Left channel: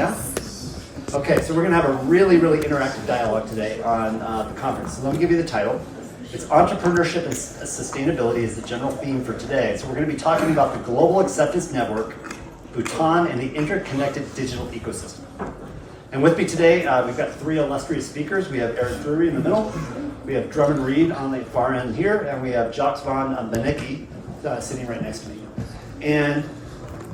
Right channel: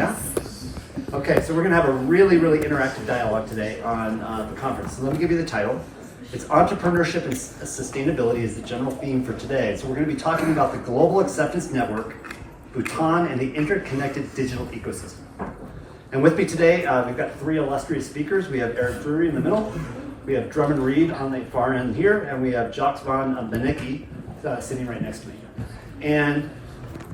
Yeah? Okay, so we're going to have a really, really interactive dialogue today on the conference. So let me give you the title. It's Entrepreneurship and Sustainability is the general theme for today. So we're going to be talking about the Global Acceptance Network, Bhutan, and the interconnected digital ecosystem. And with me today, we've got three illustrious speakers. We have Eric Drury in the middle, we have Drummond Reed on the far end here, and we have Jacques van Benecke sitting right next to me. And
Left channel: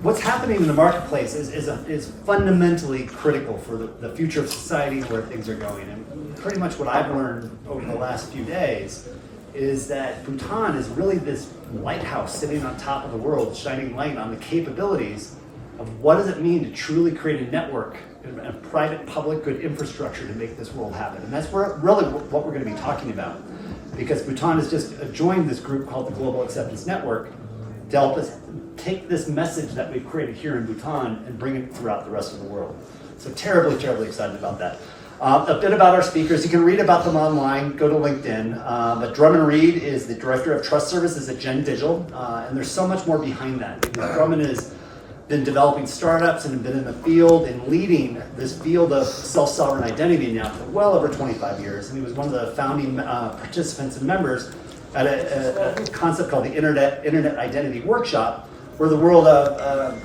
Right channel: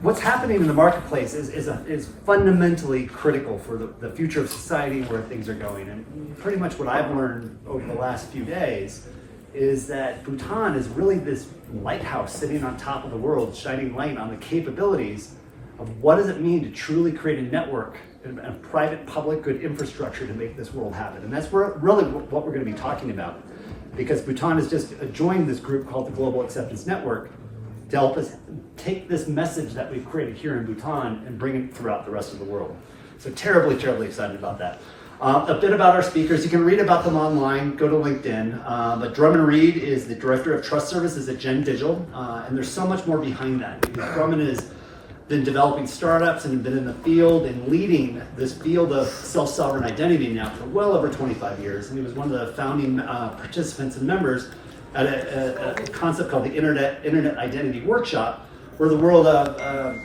what's happening in the marketplace is fundamentally critical for the future of society, where things are going. And pretty much what I've learned over the last few days is that Bhutan is really this lighthouse sitting on top of the world, shining light on the capabilities of what does it mean to truly create a network, a private, public good infrastructure to make this world happen. And that's really what we're going to be talking about, because Bhutan has just joined this group called the Global Acceptance Network to help us take this message that we've created here in Bhutan and bring it throughout the rest of the world. So terribly, terribly excited about that. A bit about our speakers. You can read about them online. Go to LinkedIn. But Drummond Reed is the Director of Trust Services at Gen Digital. And there's so much more behind that. Drummond has been developing startups and been in the field and leading this field of self-sovereign identity now for well over 25 years. And he was one of the founding participants and members at a concept called the Internet Identity Workshop, where the world of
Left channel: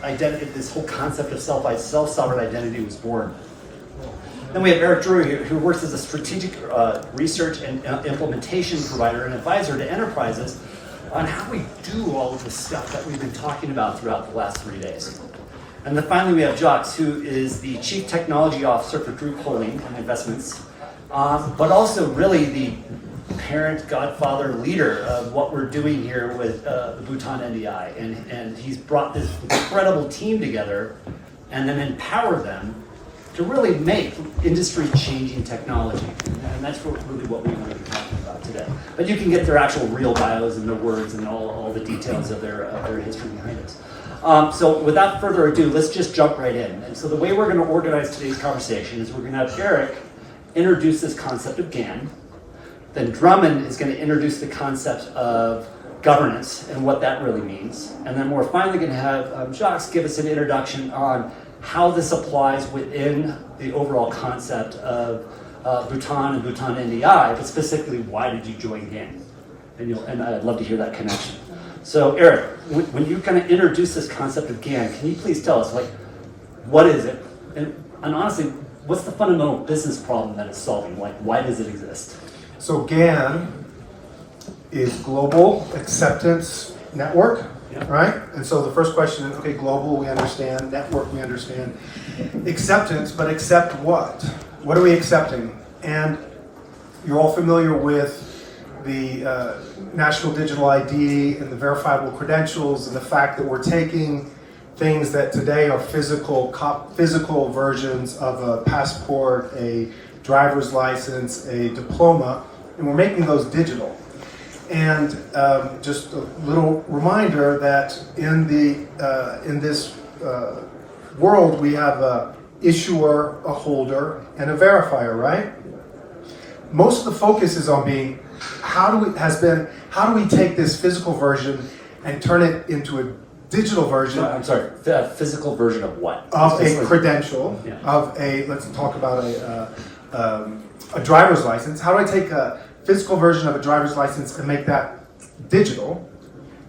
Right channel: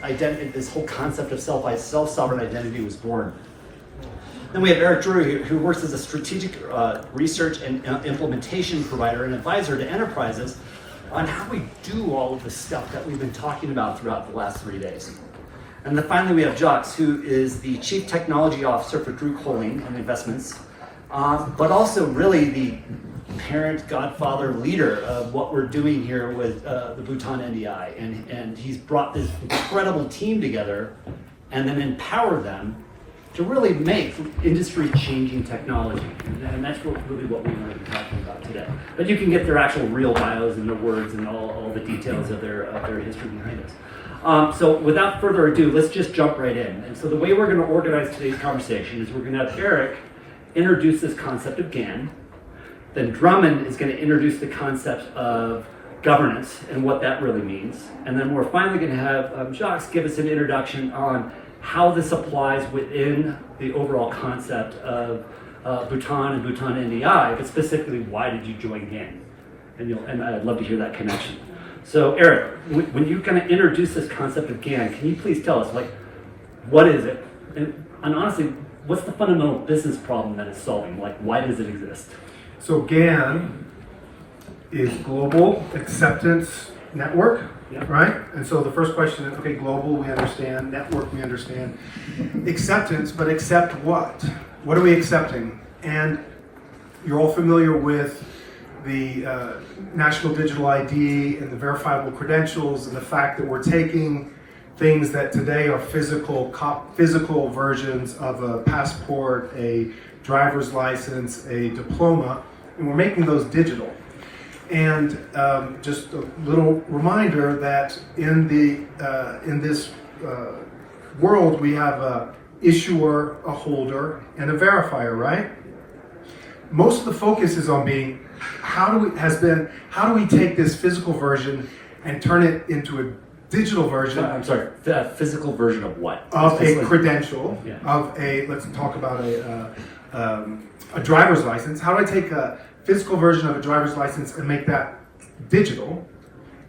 identity, this whole concept of self-sovereign identity was born. Then we have Eric Drury, who works as a strategic research and implementation provider and advisor to enterprises on how we do all of the stuff that we've been talking about throughout the last 3 days. And then finally we have Jacques, who is the Chief Technology Officer for Drury Holding and Investments, but also really the parent, godfather, leader of what we're doing here with the Bhutan NDI. And he's brought this incredible team together and then empowered them to really make industry-changing technology. And that's really what we want to be talking about today. But you can get their actual real bios and their words and all the details of their history behind it. So without further ado, let's just jump right in. And so the way we're going to organize today's conversation is we're going to have Eric introduce this concept of GAN. Then Drummond is going to introduce the concept of governance and what that really means. And then we're finally going to have Jacques give us an introduction on how this applies within the overall concept of Bhutan and Bhutan NDI, but specifically, why did you join GAN? And I'd love to hear that connection. So Eric, when you kind of introduce this concept of GAN, can you please tell us, like, what is it? And honestly, what's the fundamental business problem that it's solving? Like, why does it exist? So GAN is Global Acceptance Network, right? And so the first question is, okay, global, we understand. Network, we understand. Acceptance, but accept what? What are we accepting? And you're all familiar with the National Digital ID and the verifiable credentials, and the fact that we're taking things that today are physical versions of a passport, a driver's license, a diploma, and we're making those digital. And just a little reminder that in this world we have a issuer, a holder, and a verifier, right? Most of the focus is on being how do we take this physical version and turn it into a digital version? I'm sorry, the physical version of what? Of a credential, of a, let's talk about a driver's license. How do I take a physical version of a driver's license and make that digital?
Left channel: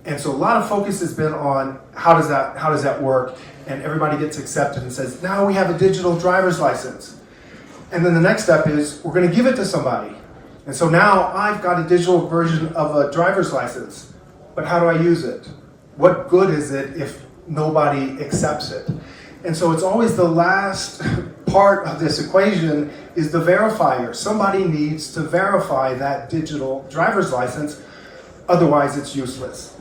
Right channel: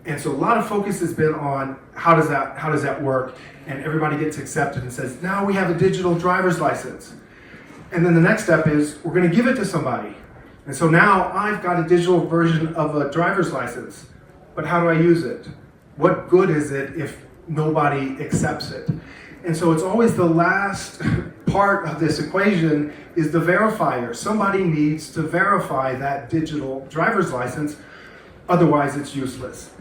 And so a lot of focus has been on how does that work, and everybody gets accepted and says, now we have a digital driver's license. And then the next step is we're going to give it to somebody. And so now I've got a digital version of a driver's license, but how do I use it? What good is it if nobody accepts it? And so it's always the last part of this equation is the verifier. Somebody needs to verify that digital driver's license, otherwise it's useless.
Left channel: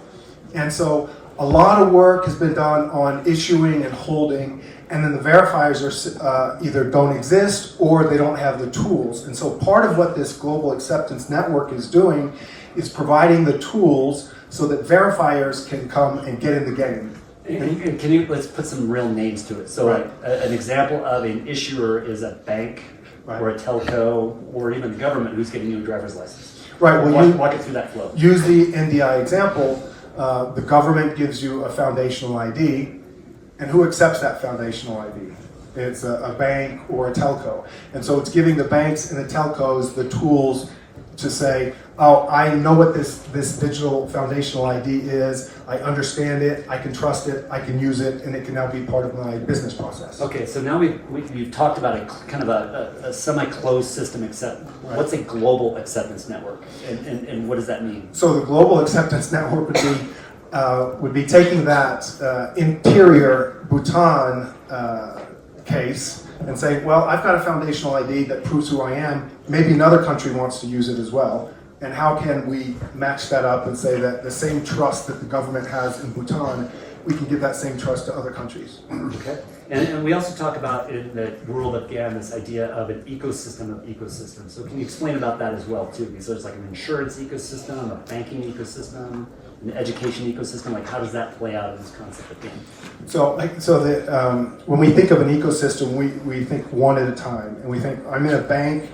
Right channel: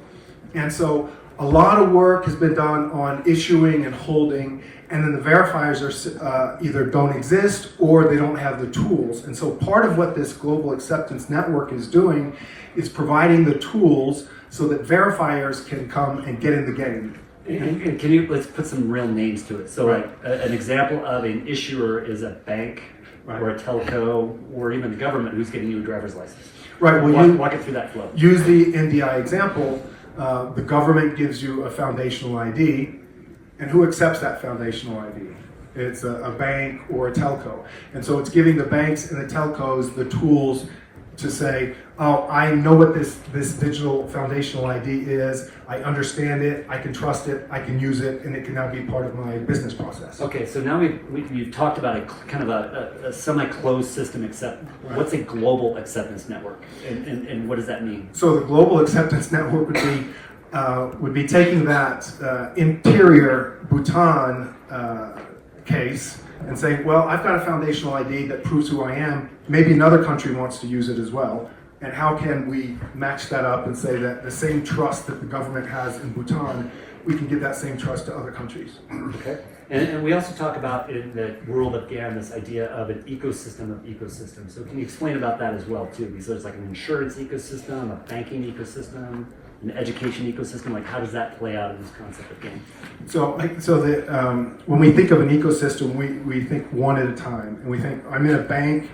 And so a lot of work has been done on issuing and holding, and then the verifiers are either don't exist or they don't have the tools. And so part of what this Global Acceptance Network is doing is providing the tools so that verifiers can come and get in the game. And can you, let's put some real names to it. So right. An example of an issuer is a bank, right, or a telco, or even the government who's getting you a driver's license. Right, well, walk it through that flow. Use the NDI example. The government gives you a foundational ID, and who accepts that foundational ID? It's a bank or a telco. And so it's giving the banks and the telcos the tools to say, oh, I know what this digital foundational ID is, I understand it, I can trust it, I can use it, and it can now be part of my business process. Okay, so now you've talked about a kind of a semi-closed system, except what's a global acceptance network, and what does that mean? So the global acceptance network would be taking that interior Bhutan case and saying, well, I've got a foundational ID that proves who I am. Maybe another country wants to use it as well. And how can we match that up and say that the same trust that the government has in Bhutan, we can give that same trust to other countries? Okay. And we also talk about in the world of GAN this idea of an ecosystem of ecosystems. So can you explain about that as well too? Because there's like an insurance ecosystem, a banking ecosystem, an education ecosystem. Like how does that play out in this concept of GAN? When we think of an ecosystem, we think one at a time, and we think I'm in a bank,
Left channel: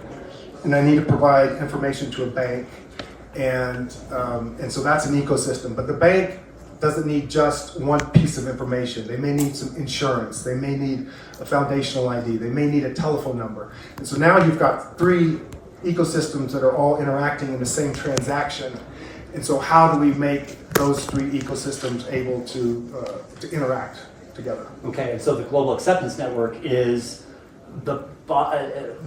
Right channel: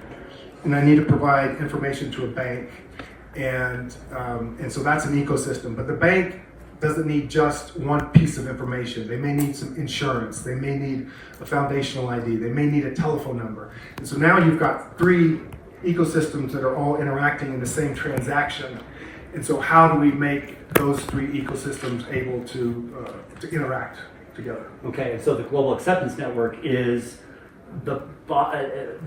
and I need to provide information to a bank, and so that's an ecosystem. But the bank doesn't need just one piece of information. They may need some insurance. They may need a foundational ID. They may need a telephone number. And so now you've got three ecosystems that are all interacting in the same transaction. And so how do we make those three ecosystems able to interact together? Okay, and so the global acceptance network is what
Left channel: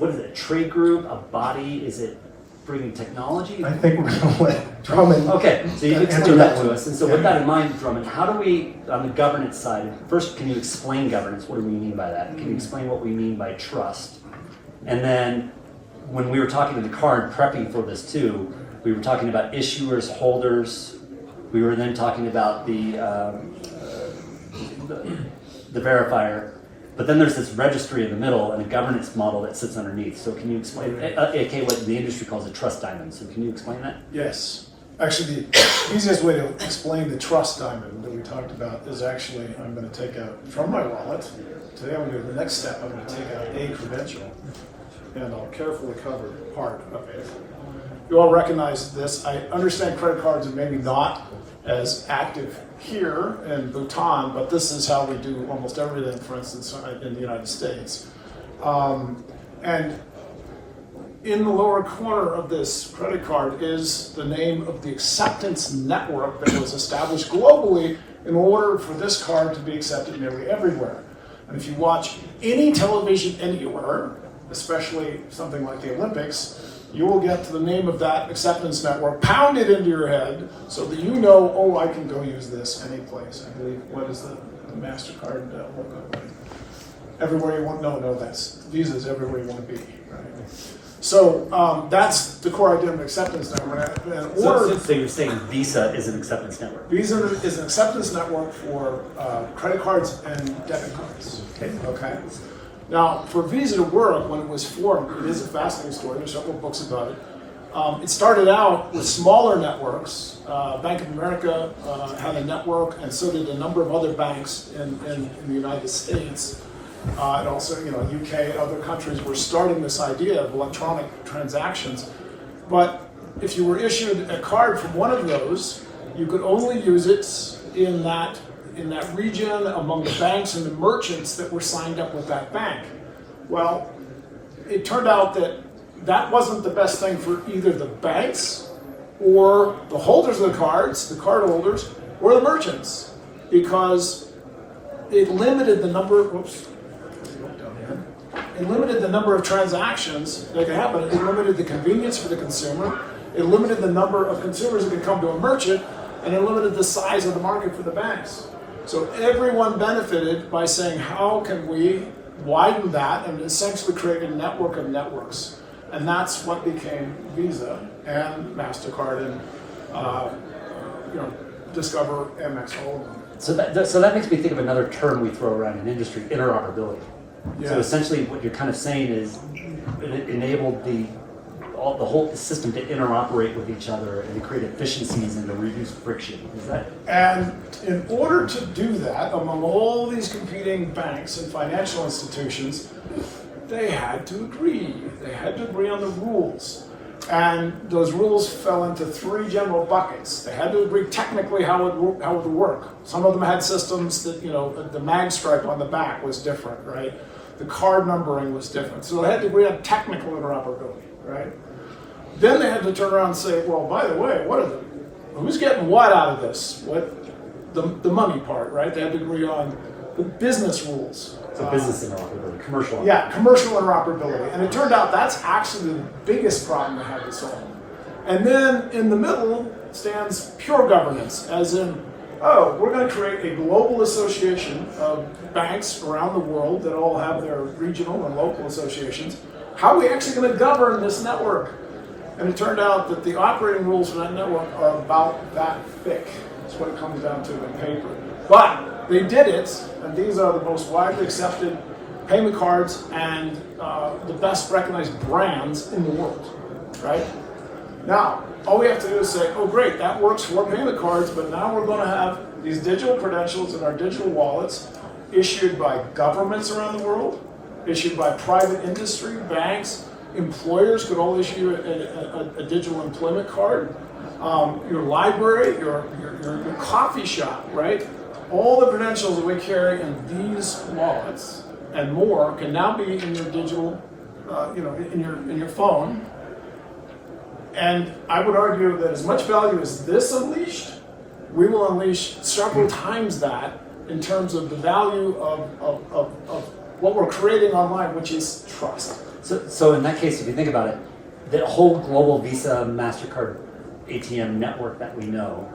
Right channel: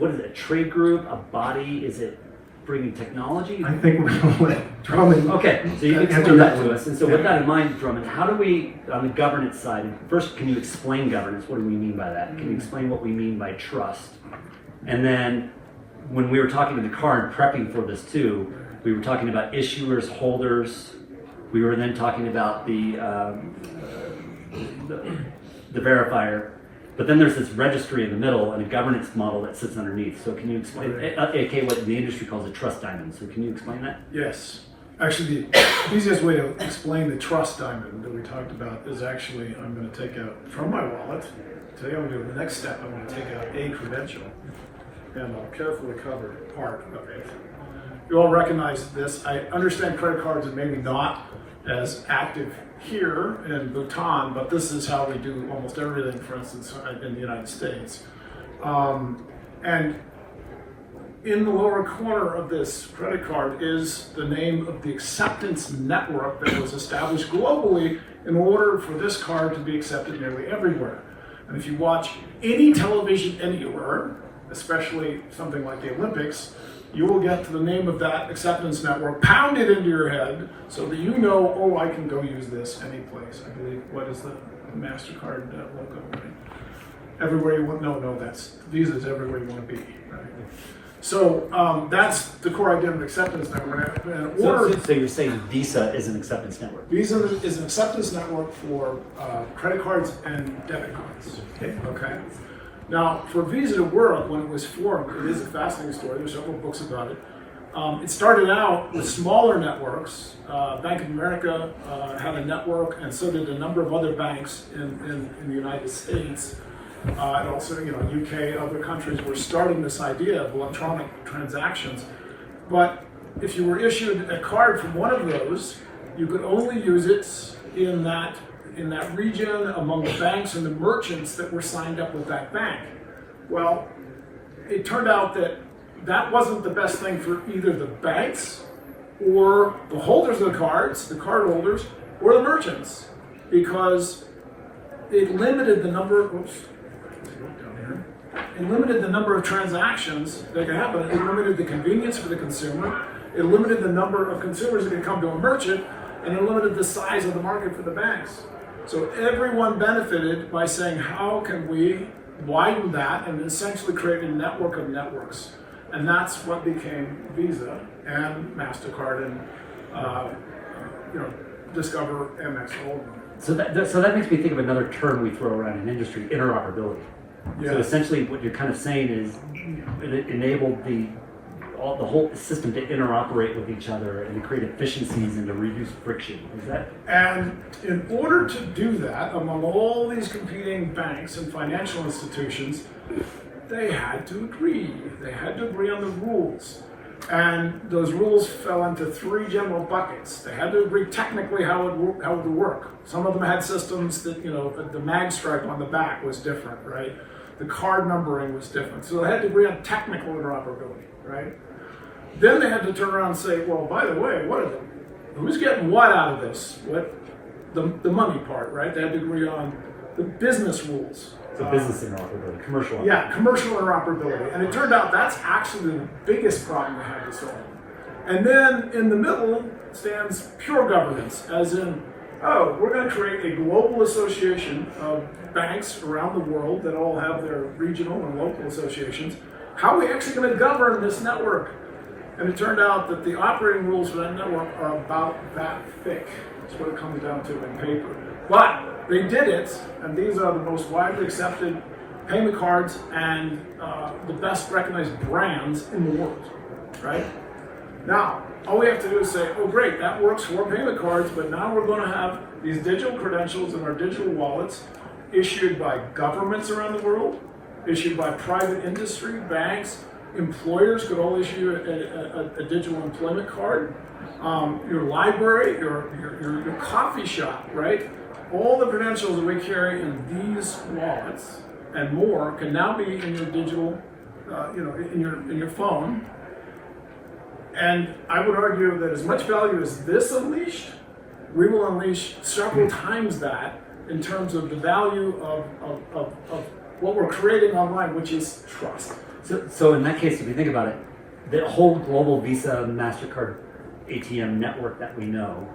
is it, a trade group, a body? Is it bringing technology? I think we're going to let Drummond. Okay, so you can explain that to us. And so with that in mind, Drummond, how do we, on the governance side, first, can you explain governance? What do we mean by that? Can you explain what we mean by trust? And then when we were talking in the car and prepping for this too, we were talking about issuers, holders. We were then talking about the verifier. But then there's this registry in the middle and a governance model that sits underneath. So can you explain, aka what the industry calls a trust diamond. So can you explain that? Yes. Actually, the easiest way to explain the trust diamond that we talked about is actually, I'm going to take out from my wallet. Today I'm going to do the next step. I'm going to take out a credential, and I'll carefully cover part of it. You all recognize this. I understand credit cards are maybe not as active here in Bhutan, but this is how we do almost everything, for instance, in the United States. And in the lower corner of this credit card is the name of the acceptance network that was established globally in order for this card to be accepted nearly everywhere. And if you watch any television anywhere, especially something like the Olympics, you will get to the name of that acceptance network pounded into your head so that you know, oh, I can go use this any place. I believe, what is the MasterCard logo, right? Everywhere you want, no, that's Visa's everywhere you want to be, right? So that's the core idea of acceptance network. So you're saying Visa is an acceptance network? Visa is an acceptance network for credit cards and debit cards. Okay. Now, for Visa to work, when it was formed, it is a fascinating story. There's several books about it. It started out with smaller networks. Bank of America had a network, and so did a number of other banks in the United States. And also, UK, other countries were starting this idea of electronic transactions. But if you were issued a card from one of those, you could only use it in that region among the banks and the merchants that were signed up with that bank. Well, it turned out that wasn't the best thing for either the banks or the holders of the cards, the card holders, or the merchants, because it limited the number of transactions that could happen. It limited the convenience for the consumer. It limited the number of consumers that could come to a merchant, and it limited the size of the market for the banks. So everyone benefited by saying, how can we widen that and essentially create a network of networks? And that's what became Visa and MasterCard and Discover, Amex, all of them. So that makes me think of another term we throw around in industry, interoperability. Yeah. So essentially what you're kind of saying is it enabled the whole system to interoperate with each other and to create efficiencies and to reduce friction. Is that? And in order to do that, among all these competing banks and financial institutions, they had to agree. They had to agree on the rules. And those rules fell into three general buckets. They had to agree technically how it would work. Some of them had systems that, the mag stripe on the back was different, right? The card numbering was different. So they had to agree on technical interoperability, right? Then they had to turn around and say, well, by the way, who's getting what out of this? The money part, right? They had to agree on the business rules. So business interoperability, commercial. Yeah, commercial interoperability. And it turned out that's actually the biggest problem they had to solve. And then in the middle stands pure governance, as in, oh, we're going to create a global association of banks around the world that all have their regional and local associations. How are we actually going to govern this network? And it turned out that the operating rules for that network are about that thick. That's what it comes down to in paper. But they did it, and these are the most widely accepted payment cards and the best recognized brands in the world, right? Now, all we have to do is say, oh great, that works for payment cards, but now we're going to have these digital credentials in our digital wallets issued by governments around the world, issued by private industry, banks, employers could all issue a digital employment card, your library, your coffee shop, right? All the credentials that we carry in these wallets and more can now be in your digital, in your phone. And I would argue that as much value as this unleashed, we will unleash several times that in terms of the value of what we're creating online, which is trust. So in that case, if you think about it, the whole global Visa, MasterCard, ATM network that we know,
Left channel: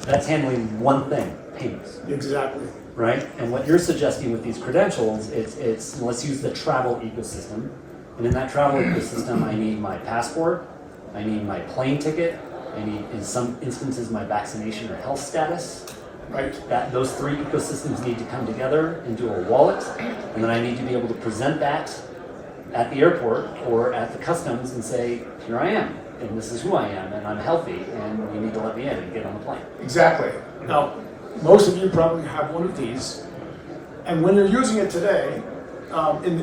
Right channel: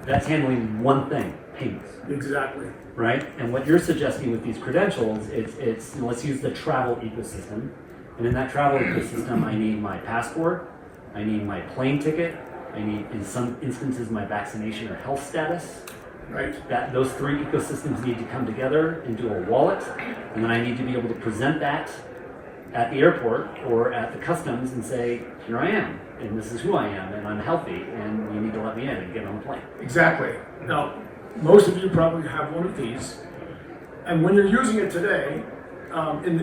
that's handling one thing, payments. Exactly. Right? And what you're suggesting with these credentials, it's let's use the travel ecosystem. And in that travel ecosystem, I need my passport, I need my plane ticket, I need, in some instances, my vaccination or health status. Right. That those three ecosystems need to come together into a wallet, and then I need to be able to present that at the airport or at the customs and say, here I am, and this is who I am, and I'm healthy, and you need to let me in and get on the plane. Exactly. Now, most of you probably have one of these, and when you're using it today, in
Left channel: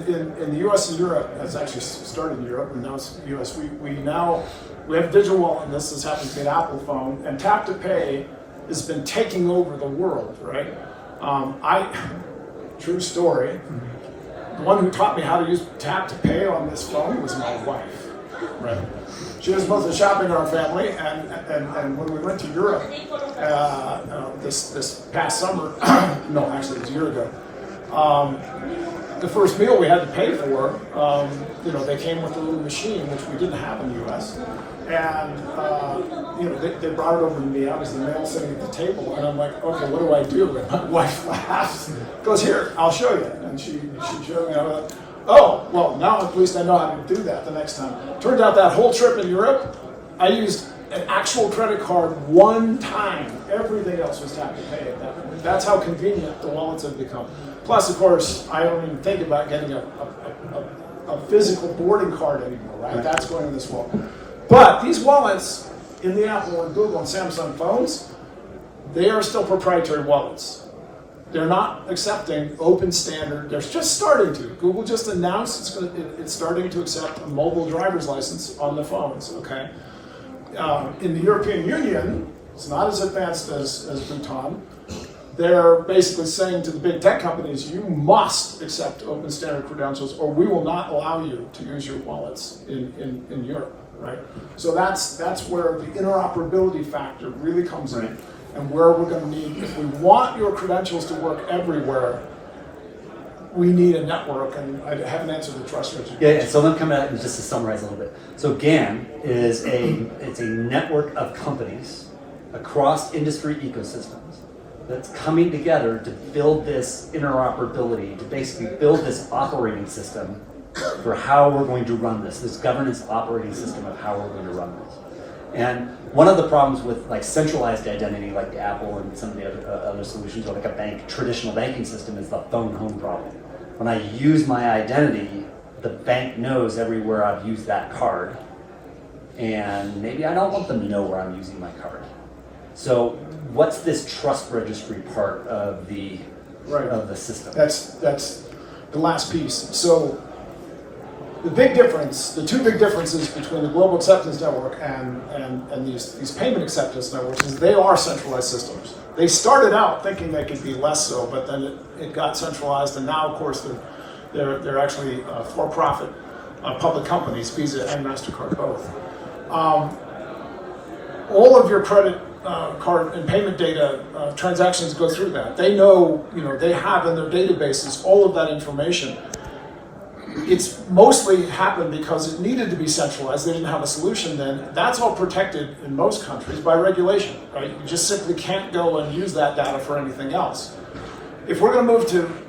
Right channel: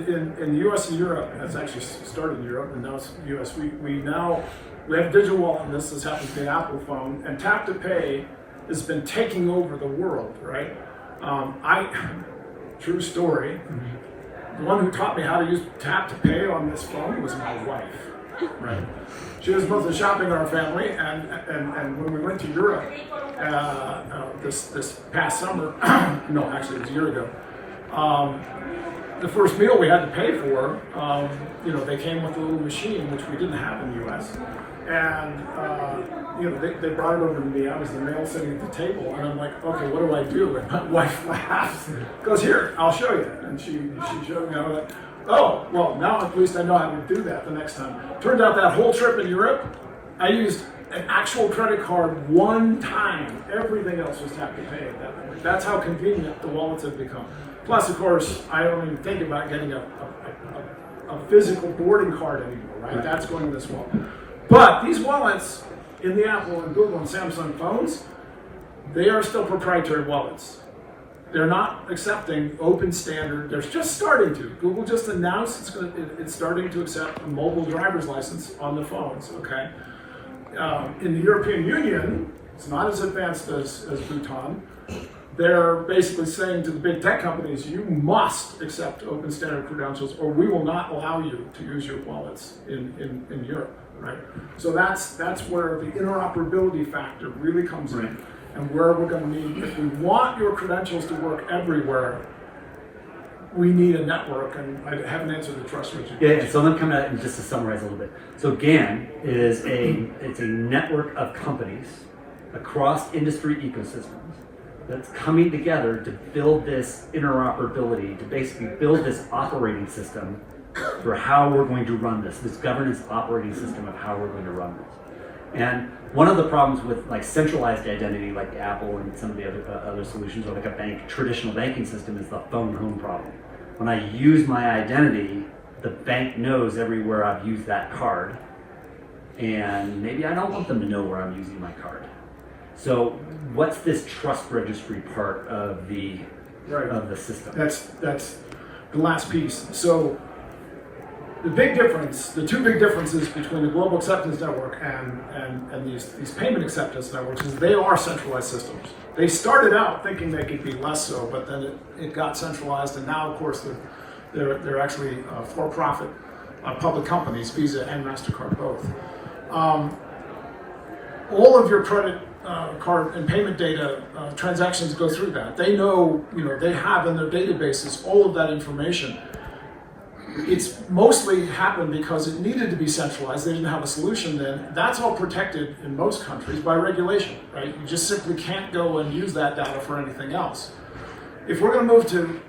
the US and Europe, it's actually started in Europe, and now it's US, we have a digital wallet, and this happens to be an Apple phone, and tap to pay has been taking over the world, right? True story, the one who taught me how to use tap to pay on this phone was my wife, right? She was mostly shopping in our family, and when we went to Europe this past summer, no, actually it was a year ago, the first meal we had to pay for, they came with a little machine, which we didn't have in the US. And, they brought it over to me. I was the male sitting at the table, and I'm like, okay, what do I do? And my wife laughs, goes, here, I'll show you. And she showed me. I was like, oh, well, now at least I know how to do that the next time. Turns out that whole trip in Europe, I used an actual credit card one time. Everything else was tap to pay at that point. That's how convenient the wallets have become. Plus, of course, I don't even think about getting a physical boarding card anymore, right? That's going in this wallet. But these wallets in the Apple and Google and Samsung phones, they are still proprietary wallets. They're not accepting open standard. They're just starting to. Google just announced it's starting to accept a mobile driver's license on the phones, okay? In the European Union, it's not as advanced as Bhutan. They're basically saying to the big tech companies, you must accept open standard credentials or we will not allow you to use your wallets in Europe, right? So that's where the interoperability factor really comes in and where we're going to need, if we want your credentials to work everywhere, we need a network, and I haven't answered the trust registry. Yeah, so let me come at it just to summarize a little bit. So GAN is it's a network of companies across industry ecosystems that's coming together to build this interoperability, to basically build this operating system for how we're going to run this governance operating system of how we're going to run this. And one of the problems with like centralized identity, like the Apple and some of the other solutions, or like a traditional banking system, is the phone home problem. When I use my identity, the bank knows everywhere I've used that card, and maybe I don't want them to know where I'm using my card. So what's this trust registry part of the system? That's the last piece. So the two big differences between the global acceptance network and these payment acceptance networks is they are centralized systems. They started out thinking they could be less so, but then it got centralized, and now of course They're actually for-profit public companies, Visa and MasterCard both. All of your credit card and payment data transactions go through that. They know, they have in their databases all of that information. It's mostly happened because it needed to be centralized. They didn't have a solution then. That's all protected in most countries by regulation, right? You just simply can't go and use that data for anything else. If we're going to move to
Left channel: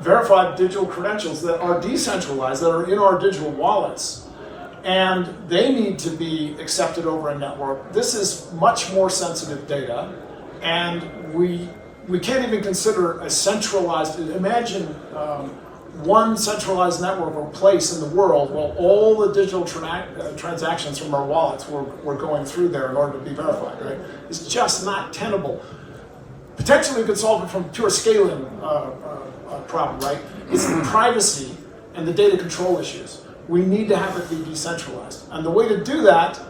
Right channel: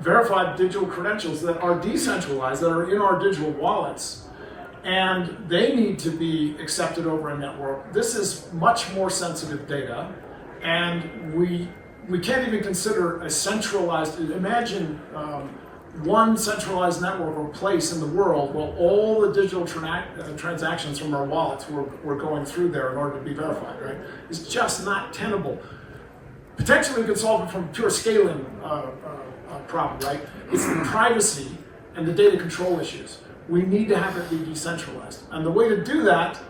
verified digital credentials that are decentralized, that are in our digital wallets, and they need to be accepted over a network, this is much more sensitive data, and we can't even consider a centralized, imagine one centralized network or place in the world while all the digital transactions from our wallets were going through there in order to be verified, right? It's just not tenable. Potentially we could solve it from pure scaling problem, right? It's the privacy and the data control issues. We need to have it be decentralized. And the way to do that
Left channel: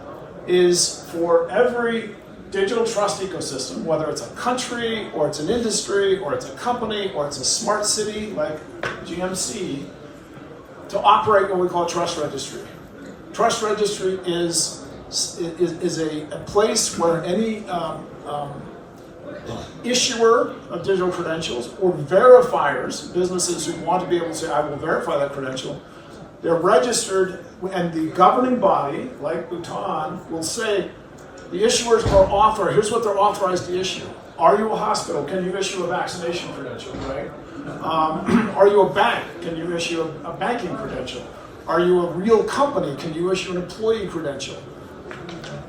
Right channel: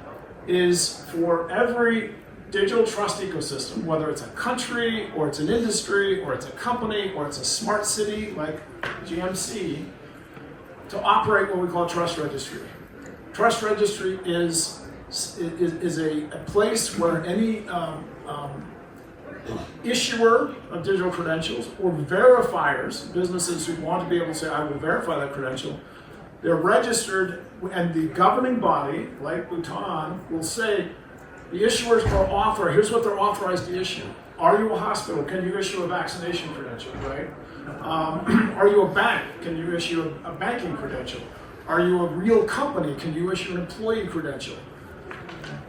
is for every digital trust ecosystem, whether it's a country, or it's an industry, or it's a company, or it's a smart city like GMC, to operate what we call a trust registry. Trust registry is a place where any issuer of digital credentials or verifiers, businesses who want to be able to say, I will verify that credential, they're registered, and the governing body, like Bhutan, will say, the issuers are authorized, here's what they're authorized to issue. Are you a hospital? Can you issue a vaccination credential, right? Are you a bank? Can you issue a banking credential? Are you a real company? Can you issue an employee credential?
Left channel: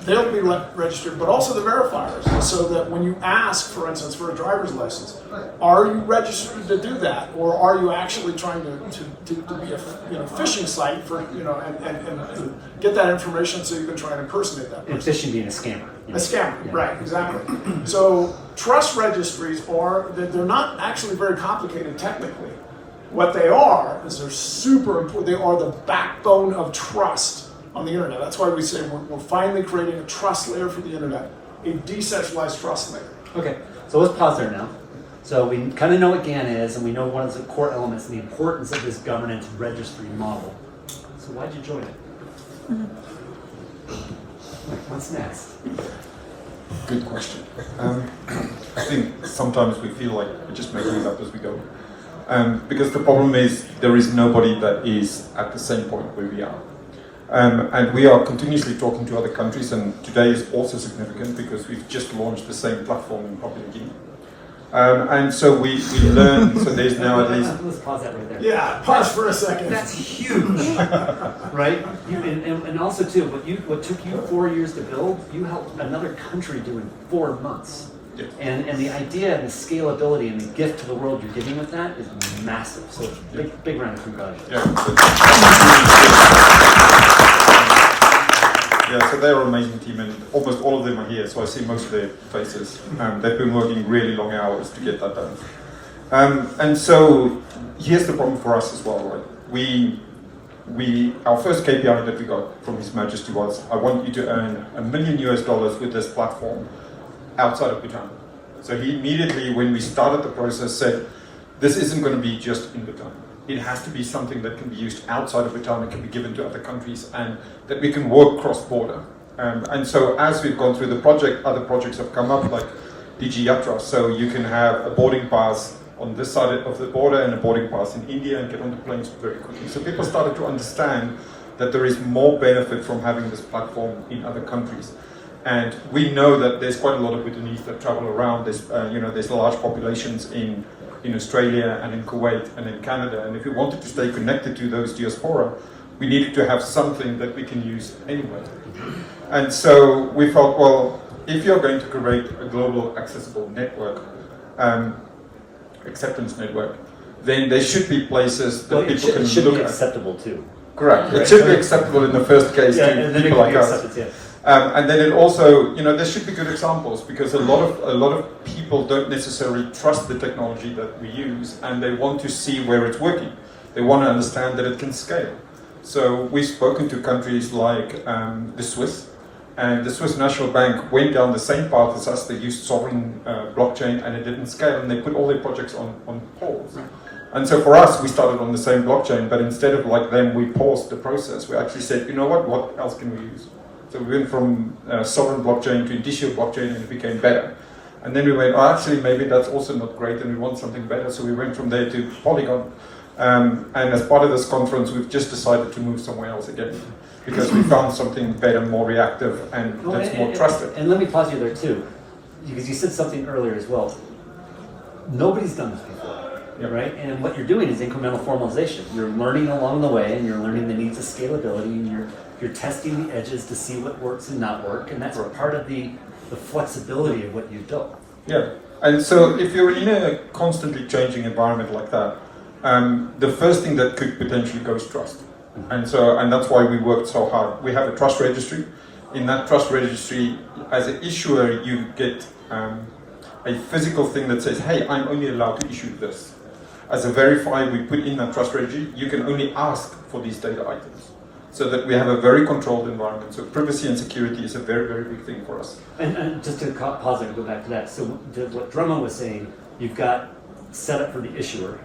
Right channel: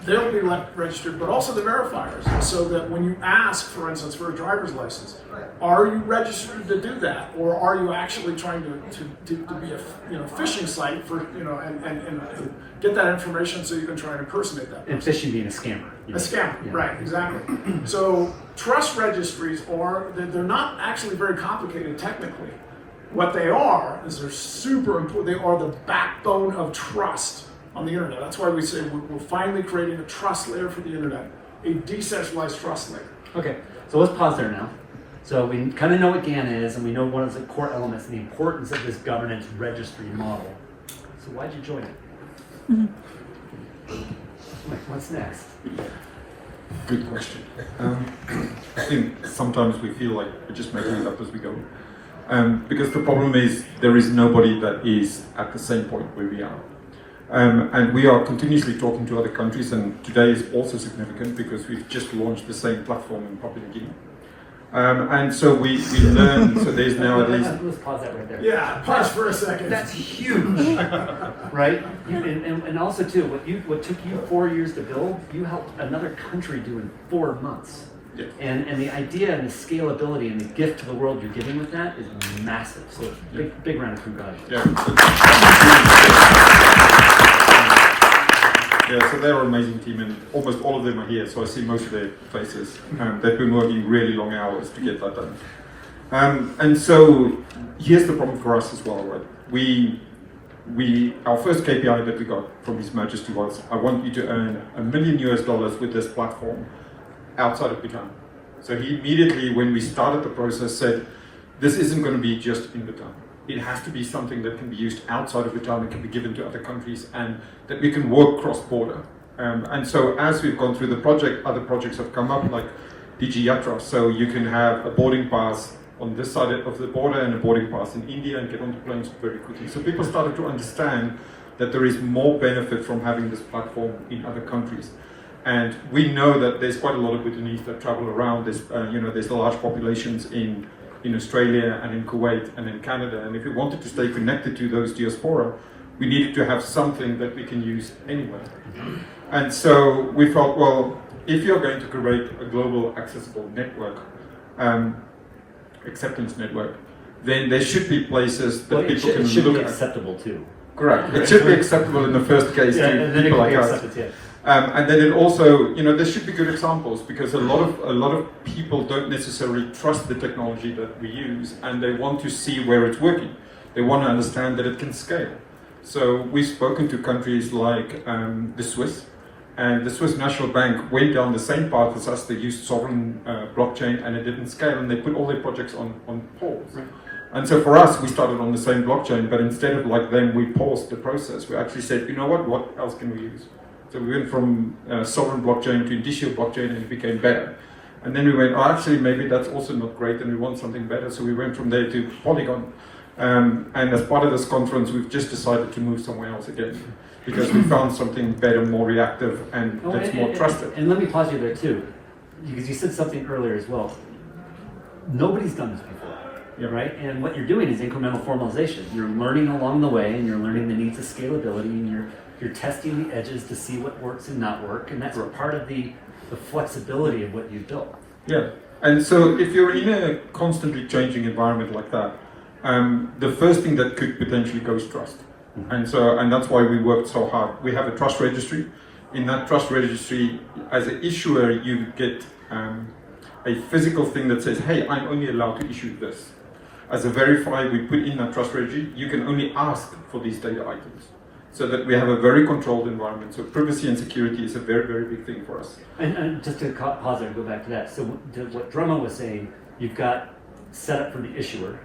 They'll be registered, but also the verifiers, so that when you ask, for instance, for a driver's license, are you registered to do that, or are you actually trying to be a phishing site for and get that information so you can try and impersonate that person? And phishing being a scammer. A scammer, yeah. Right? Exactly. So trust registries they're not actually very complicated technically. What they are is they're super important. They are the backbone of trust on the internet. That's why we say we're finally creating a trust layer for the internet, a decentralized trust layer. Okay, so let's pause there now. So we kind of know what GAN is, and we know one of the core elements and the importance of this governance registry model. So why'd you join it? What's next? Good question. I think sometimes we feel like we're just making it up as we go. Because the problem is there is nobody that is at the same point where we are. And we are continuously talking to other countries, and today is also significant because we've just launched the same platform in Papua New Guinea. And so we learn, so there's nowadays... Let's pause that right there. Yeah, pause for a second. That's huge, right? And also too, what took you 4 years to build, you helped another country do in 4 months. Yeah. And the idea and the scalability and the gift to the world you're giving with that is massive. So big round of congratulations. Yeah, so they're an amazing team, and almost all of them are here, so I see most of their faces. They've been working really long hours to get that done. And so here's the problem for us as well, right? Our first KPI that we got from His Majesty was, I want you to earn $1 million with this platform outside of Bhutan. So he immediately, when we started the process, said, this isn't going to be just in Bhutan. It has to be something that can be used outside of Bhutan and can be given to other countries, and that we can work cross-border. And so as we've gone through the project, other projects have come up, like DG Yatra. So you can have a boarding pass on this side of the border and a boarding pass in India and get onto planes very quickly. So people started to understand that there is more benefit from having this platform in other countries. And we know that there's quite a lot of Bhutanese that travel around. There's large populations in Australia and in Kuwait and in Canada. And if we wanted to stay connected to those diaspora, we needed to have something that we can use anyway. And so we thought, well, if you're going to create a global accessible network, acceptance network, then there should be places that people can look at. It should be acceptable too. Correct. It should be acceptable in the first case to people like us. And then it also, there should be good examples, because a lot of people don't necessarily trust the technology that we use, and they want to see where it's working. They want to understand that it can scale. So we've spoken to countries like the Swiss, and the Swiss National Bank went down the same path as us. They used sovereign blockchain, and it didn't scale, and they put all their projects on pause. And so for us, we started on the same blockchain, but instead of like them, we paused the process. We actually said, you know what else can we use? So we went from sovereign blockchain to individual blockchain, and it became better. And then we went, oh, actually, maybe that's also not great, and we want something better. So we went from there to Polygon. And as part of this conference, we've just decided to move somewhere else again, because we found something better, more reactive, and that's more trusted. And let me pause you there too, because you said something earlier as well. Nobody's done this before, right? And what you're doing is incremental formalization. You're learning along the way, and you're learning the needs of scalability, and you're testing the edges to see what works and not work, and that's part of the flexibility of what you've built. Yeah, and so if you're in a constantly changing environment like that, the first thing that could potentially go is trust. And that's why we worked so hard. We have a trust registry. In that trust registry, as an issuer, you get a physical thing that says, hey, I'm only allowed to issue this. As a verifier, we put in that trust registry, you can only ask for these data items. So that we have a very controlled environment. So privacy and security is a very, very big thing for us. And just to pause there and go back to that. So what Drummond was saying, you've got setup for the issuer.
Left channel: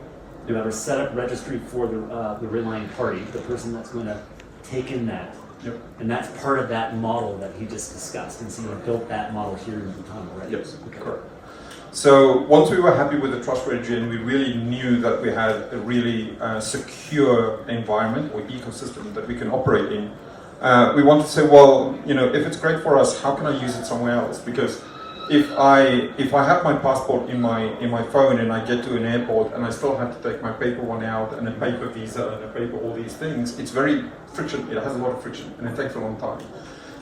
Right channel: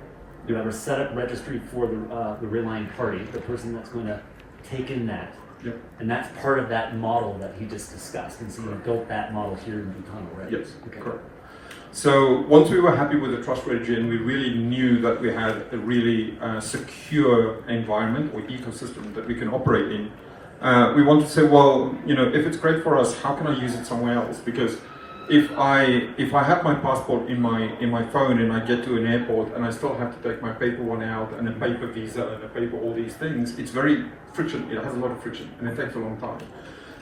You have a setup registry for the relying party, the person that's going to take in that. Yep. And that's part of that model that he just discussed. And so you built that model here in Bhutan already. Yes, correct. So once we were happy with the trust registry and we really knew that we had a really secure environment or ecosystem that we can operate in, we wanted to say, well, if it's great for us, how can I use it somewhere else? Because if I have my passport in my phone and I get to an airport and I still have to take my paper one out and a paper visa and a paper all these things, it's very friction. It has a lot of friction and it takes a long time.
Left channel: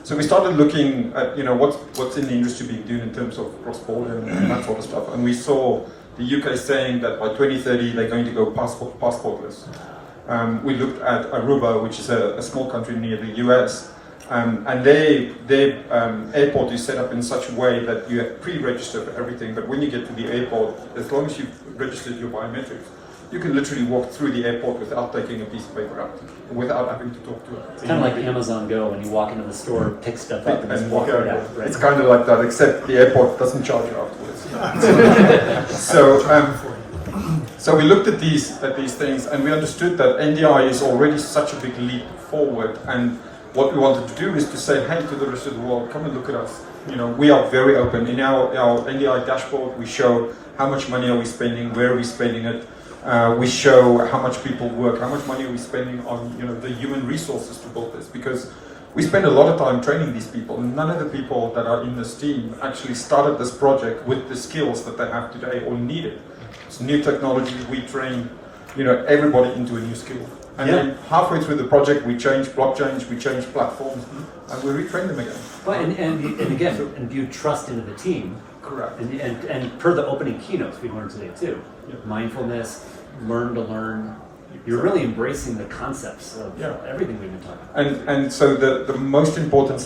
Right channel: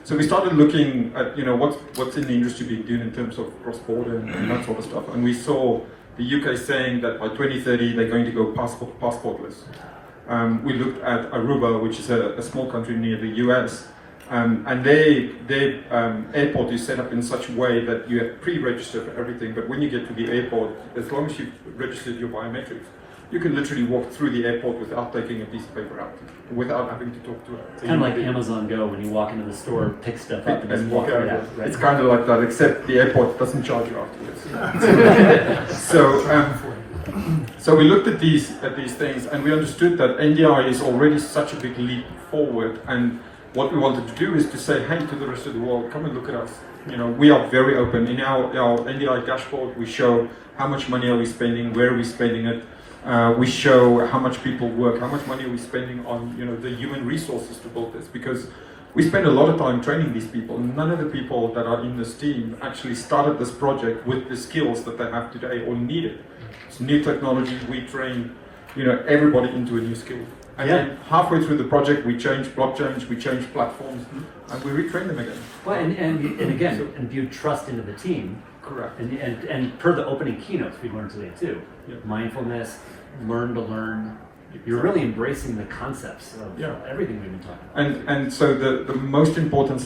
So we started looking at what's in the industry being done in terms of cross-border and that sort of stuff. And we saw the UK saying that by 2030 they're going to go passportless. We looked at Aruba, which is a small country near the US, and their airport is set up in such a way that you have pre-registered for everything. But when you get to the airport, as long as you've registered your biometrics, you can literally walk through the airport without taking a piece of paper out, without having to talk to it. It's kind of like Amazon Go when you walk into the store, pick stuff up, and just walk right out. Right? It's kind of like that, except the airport doesn't charge you afterwards. So we looked at these things, and we understood that NDI is already such a big leap forward. And what we wanted to do is to say, hey, to the rest of the world, come and look at us. We are very open. In our NDI dashboard, we show how much money are we spending, where are we spending it. We show how much people work, how much money are we spending on the human resources to build this, because we spend a lot of time training these people. None of the people that are in this team actually started this project with the skills that they have today or needed. It's new technology. We train everybody into a new skill. And then halfway through the project, we change blockchains, we change platforms, and we retrain them again. Well, and again, imbue trust into the team. Correct. And per the opening keynotes we learned today too, mindfulness, learn to learn. You're really embracing the concepts of everything we've been talking about. And so the most important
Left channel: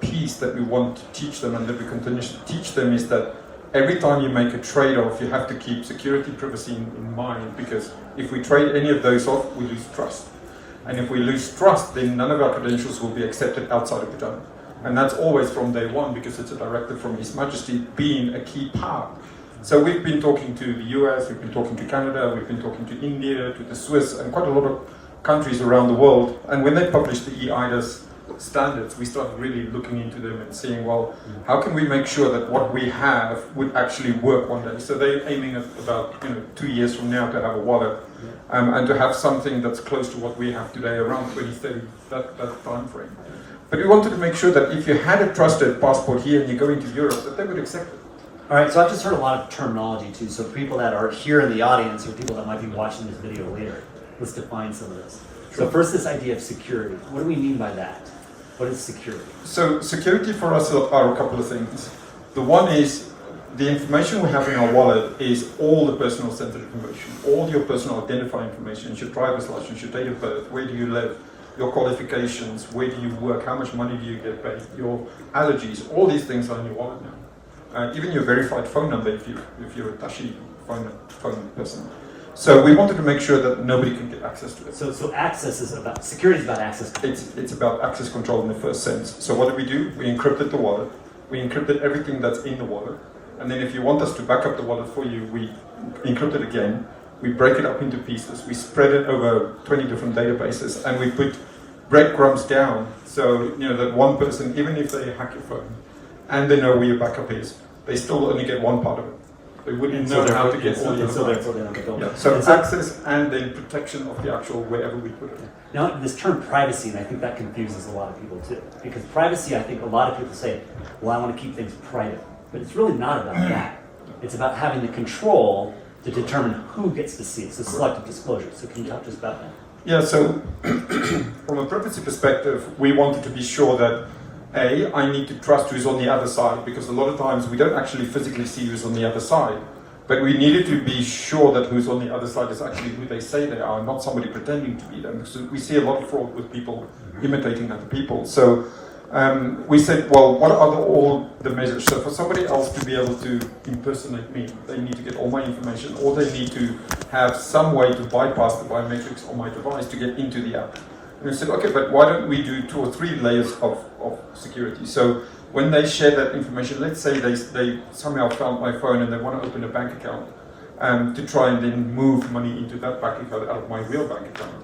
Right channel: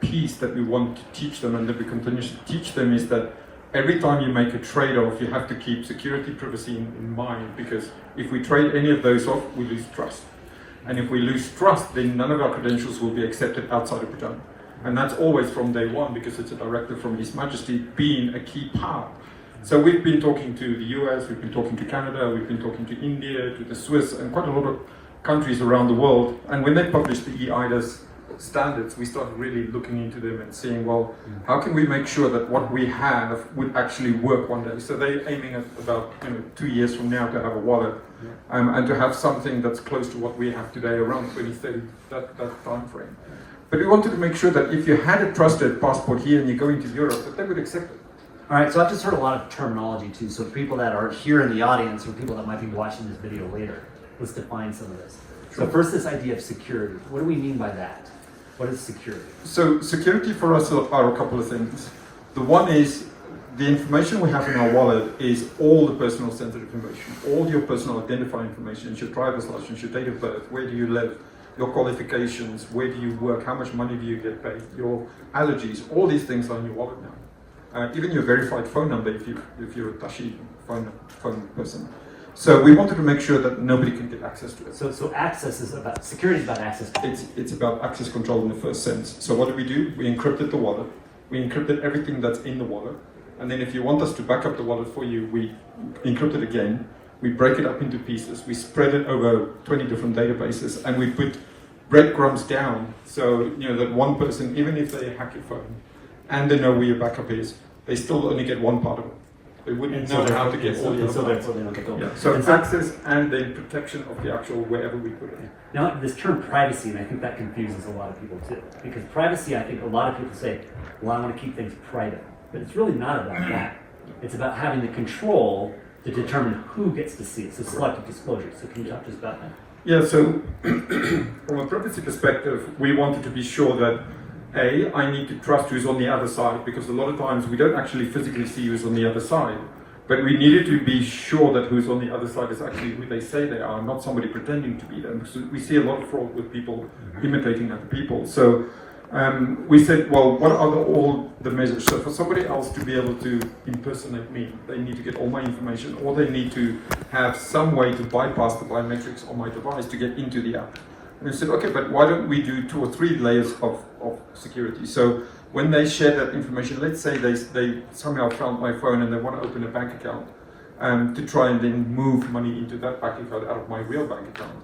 piece that we want to teach them and that we continue to teach them is that every time you make a trade-off, you have to keep security, privacy in mind, because if we trade any of those off, we lose trust. And if we lose trust, then none of our credentials will be accepted outside of Bhutan. And that's always from day one, because it's a directive from His Majesty being a key part. So we've been talking to the US, we've been talking to Canada, we've been talking to India, to the Swiss, and quite a lot of countries around the world. And when they published the EIDAS standards, we started really looking into them and seeing, well, how can we make sure that what we have would actually work one day? So they're aiming at about 2 years from now to have a wallet, and to have something that's close to what we have today, around 2030, that time frame. But we wanted to make sure that if you had a trusted passport here and you go into Europe, that they would accept it. All right, so I've just heard a lot of terminology too. So people that are here in the audience or people that might be watching this video later, let's define some of this. So first, this idea of security. What do we mean by that? What is security? So security for us are a couple of things. The one is the information we have in our wallet is all the personal sensitive information, all your personal identifying information, your driver's license, your date of birth, where do you live, your qualifications, where do you work, how much money do you get paid, your allergies, all these things are in your wallet now. Even your verified phone number if you're a Tashi phone person. So we wanted to make sure that nobody can get access to it. So access is about, security is about access control. It's about access control in the first sense. So what did we do? We encrypted the wallet. We encrypted everything that's in the wallet. And then if you want us to back up the wallet for you, we encrypt it again. we break it up into pieces, we spread it over 20 different databases, and we put breadcrumbs down so that one person, even if they hack your phone and they know where your backup is, they still only get one part of it. They wouldn't know how to get all the other so parts. therefore they don't get going. Yeah. So access and then protection of the actual wherever we put it. Now, this term privacy, and I think that confuses a lot of people too. Because privacy, I think a lot of people say, well, I want to keep things private. But it's really not about that. It's about having the control to determine who gets to see it. So selective disclosure. So can you talk to us about that? Yeah, so from a privacy perspective, we wanted to be sure that I need to trust who's on the other side, because a lot of times we don't actually physically see who's on the other side, but we needed to be sure that who's on the other side is actually who they say they are, not somebody pretending to be them. Because we see a lot of fraud with people imitating other people. So we said, well, what are all the measures? So for somebody else to be able to impersonate me, they need to get all my information, or they need to have some way to bypass the biometrics on my device to get into the app. And we said, okay, but why don't we do 2 or 3 layers of security? So when they share that information, let's say they somehow found my phone and they want to open a bank account to try and then move money into that bank account out of my real bank account,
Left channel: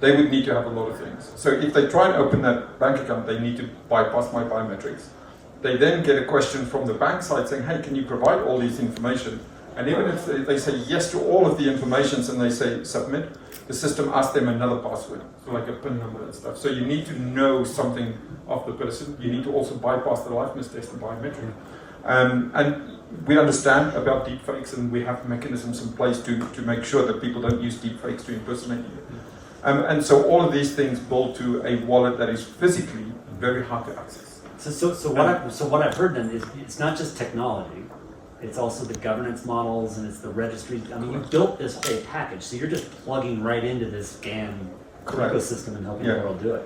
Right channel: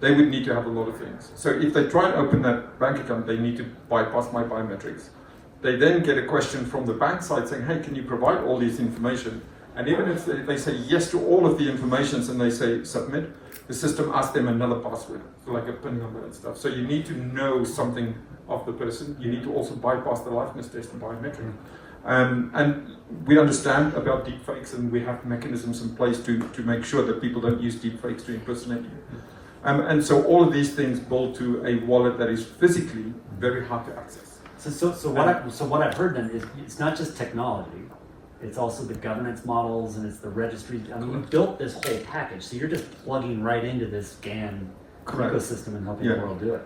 they would need to have a lot of things. So if they try and open that bank account, they need to bypass my biometrics. They then get a question from the bank side saying, hey, can you provide all this information? And even if they say yes to all of the information and they say submit, the system asks them another password, so like a PIN number and stuff. So you need to know something of the person. You need to also bypass the liveness test and biometric. And we understand about deepfakes, and we have mechanisms in place to make sure that people don't use deepfakes to impersonate you. And so all of these things build to a wallet that is physically very hard to access. So what I've heard then is it's not just technology. It's also the governance models, and it's the registries. I mean, you built this whole package, so you're just plugging right into this GAN ecosystem and helping the world do it.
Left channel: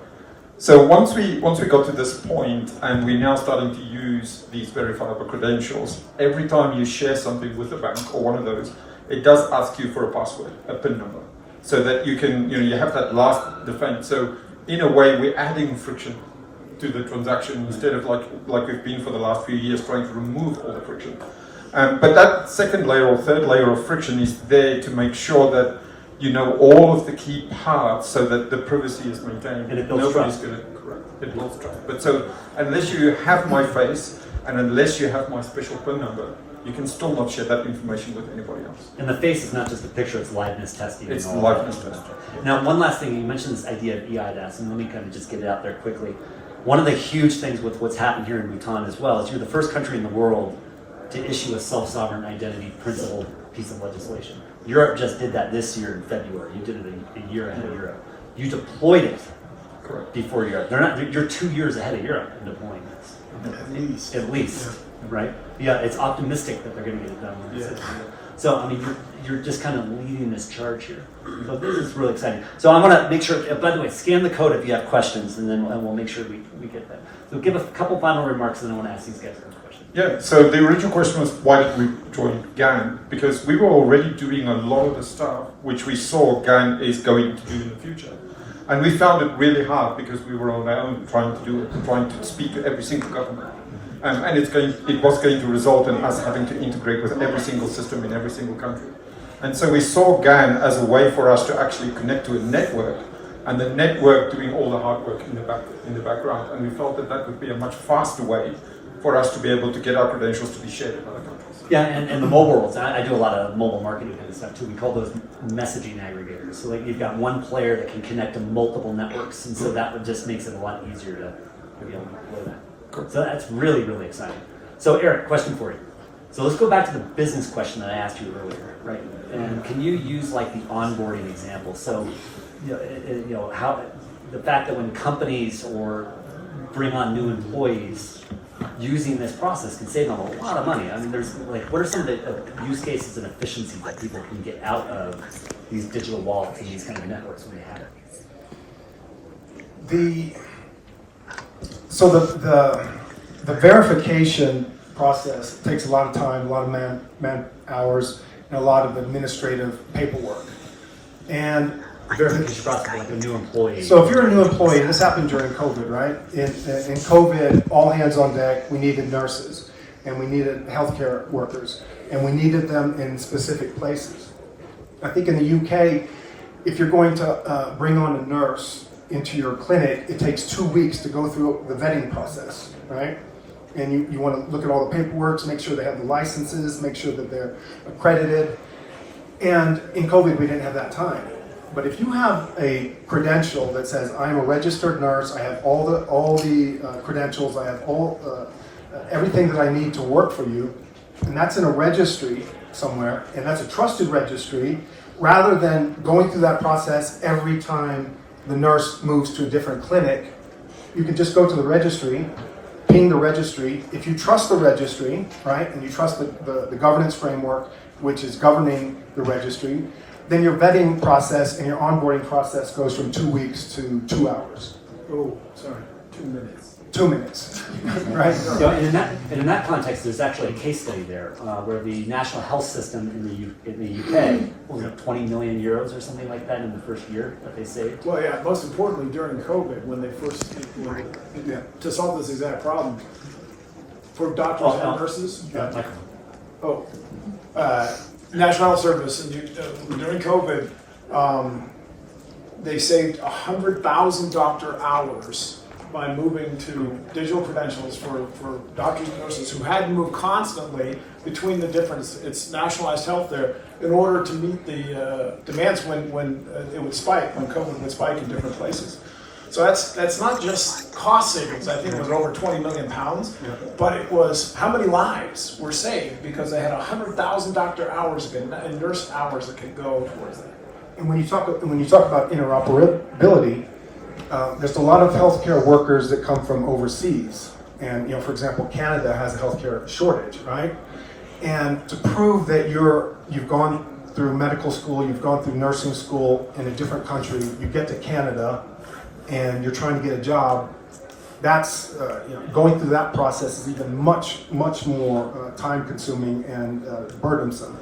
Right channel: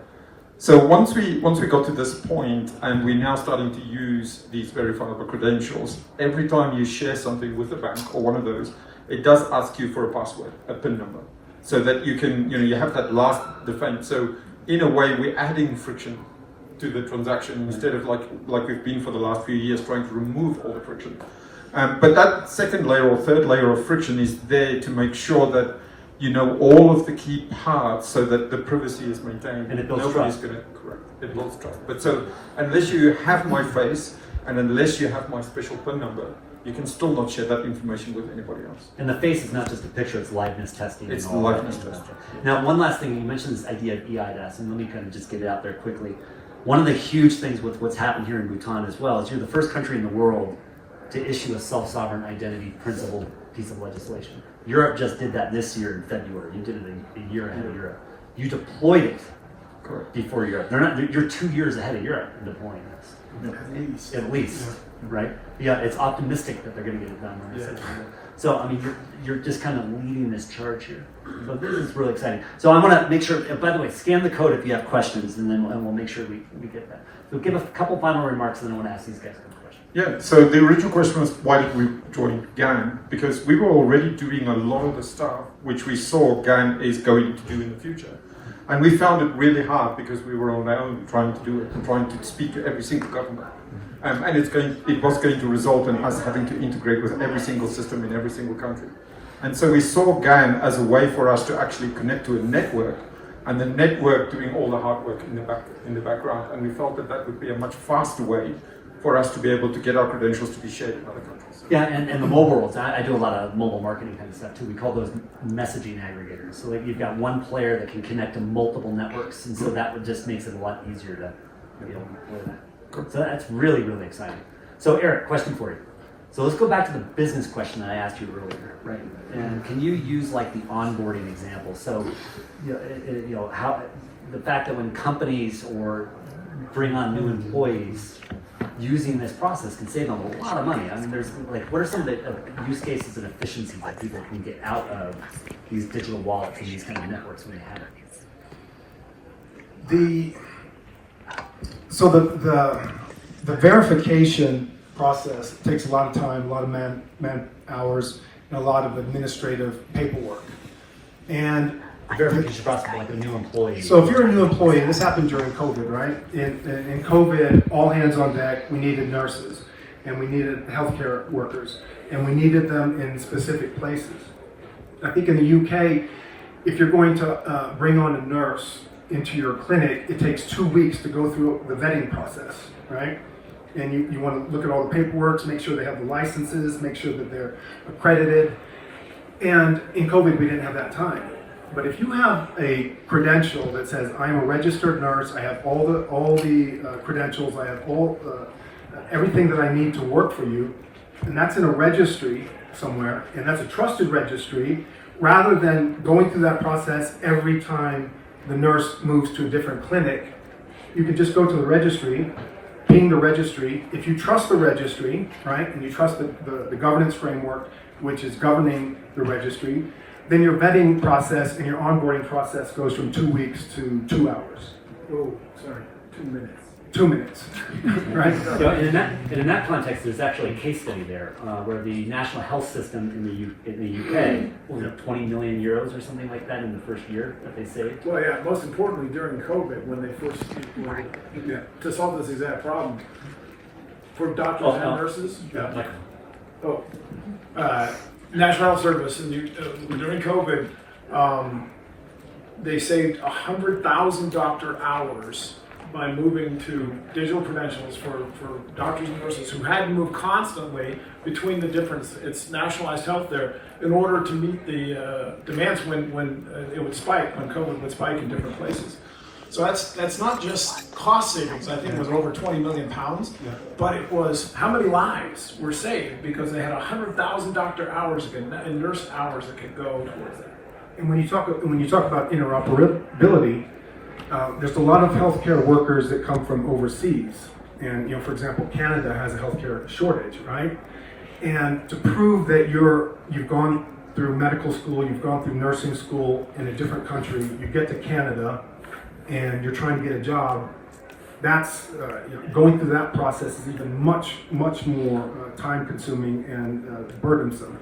So once we got to this point, and we're now starting to use these verifiable credentials, every time you share something with the bank or one of those, it does ask you for a password, a PIN number, so that you can, you have that last defense. So in a way, we're adding friction to the transaction instead of like we've been for the last few years trying to remove all the friction. But that second layer or third layer of friction is there to make sure that you know all of the key parts so that the privacy is maintained. And it builds Nobody's trust. going to correct. It builds trust. But so unless you have my face and unless you have my special PIN number, you can still not share that information with anybody else. And the face is not just a picture, it's liveness testing. It's and all liveness that. testing. Now, one last thing, you mentioned this idea of EIDAS, and let me kind of just get it out there quickly. One of the huge things with what's happened here in Bhutan as well is you're the first country in the world to issue a self-sovereign identity principle piece of legislation. Europe just did that this year in February. You did it a year ahead of Europe. You deployed it before Europe. You're 2 years ahead of Europe in deploying this. At least, right? Yeah, it's optimistic that they're going to get it done. So, I mean, you're just kind of leading this charge here. So this is really exciting. So I want to make sure, by the way, scan the code if you have questions, and then we'll make sure we get that. So give a couple final remarks, and then I want to ask these guys some questions. Yeah, so the original question was, why did we join GAN? Because we were already doing a lot of the stuff which we saw GAN is going to do in the future. And we found it really hard because we were on our own trying to do it and trying to speak to every single government. And it was going to result in us having to integrate with every single system in every single country. And so we saw GAN as a way for us to actually connect to a network, and the network doing all the hard work in the background. And we felt that would be a much faster way for us to be able to get our credentials to be shared in other countries. Yeah, and the mobile worlds. I do a lot of mobile marketing kind of stuff too. We call those messaging aggregators. So like you've got one player that can connect to multiple networks, and so that would just makes it a lot easier to be able to deploy that. So that's really, really exciting. So Eric, question for you. So let's go back to the business question that I asked you earlier, right? And can you use like the onboarding example? So, how the fact that when companies or bring on new employees, using this process can save them a lot of money. I mean, there's like, what are some of the use cases and efficiencies that people can get out of these digital wallets and these kind of networks when they have it? The verification process takes a lot of time, a lot of man hours, and a lot of administrative paperwork. And Verification process for like a new employee. so if you're a new employee, and this happened during COVID, right? In COVID, all hands on deck, we needed nurses, and we needed healthcare workers, and we needed them in specific places. I think in the UK, if you're going to bring on a nurse into your clinic, it takes 2 weeks to go through the vetting process, right? And you want to look at all the paperwork, make sure they have the licenses, make sure that they're accredited. And in COVID, we didn't have that time. But if you have a credential that says, I am a registered nurse, I have all the credentials, I have everything that I need to work for you, and that's in a registry somewhere, and that's a trusted registry, rather than going through that process every time the nurse moves to a different clinic, you can just go to the registry, ping the registry. If you trust the registry, right, and you trust the governance framework, which is governing the registry, then your vetting process and your onboarding process goes from 2 weeks to 2 hours. Oh, sorry, 2 minutes. 2 minutes, right? So, and in that context, there's actually a case study there where the national health system in the UK, what was it, 20 million euros or something like that in the first year that they saved? Well, yeah, most importantly, during COVID, when they first, to solve this exact problem, for doctors and nurses, National Health Service, and during COVID, they saved 100,000 doctor hours by moving to digital credentials for doctors and nurses who had to move constantly between the different, it's nationalized health there, in order to meet the demands when it would spike, when COVID would spike in different places. So that's not just cost savings. I think it was over 20 million pounds, but it was how many lives were saved because they had 100,000 doctor hours and nurse hours that could go towards that. And when you talk about interoperability, there's a lot of healthcare workers that come from overseas, and for example, Canada has a healthcare shortage, right? And to prove that you've gone through medical school, you've gone through nursing school in a different country, you get to Canada, and you're trying to get a job, that's going through that process is even much more time consuming and burdensome.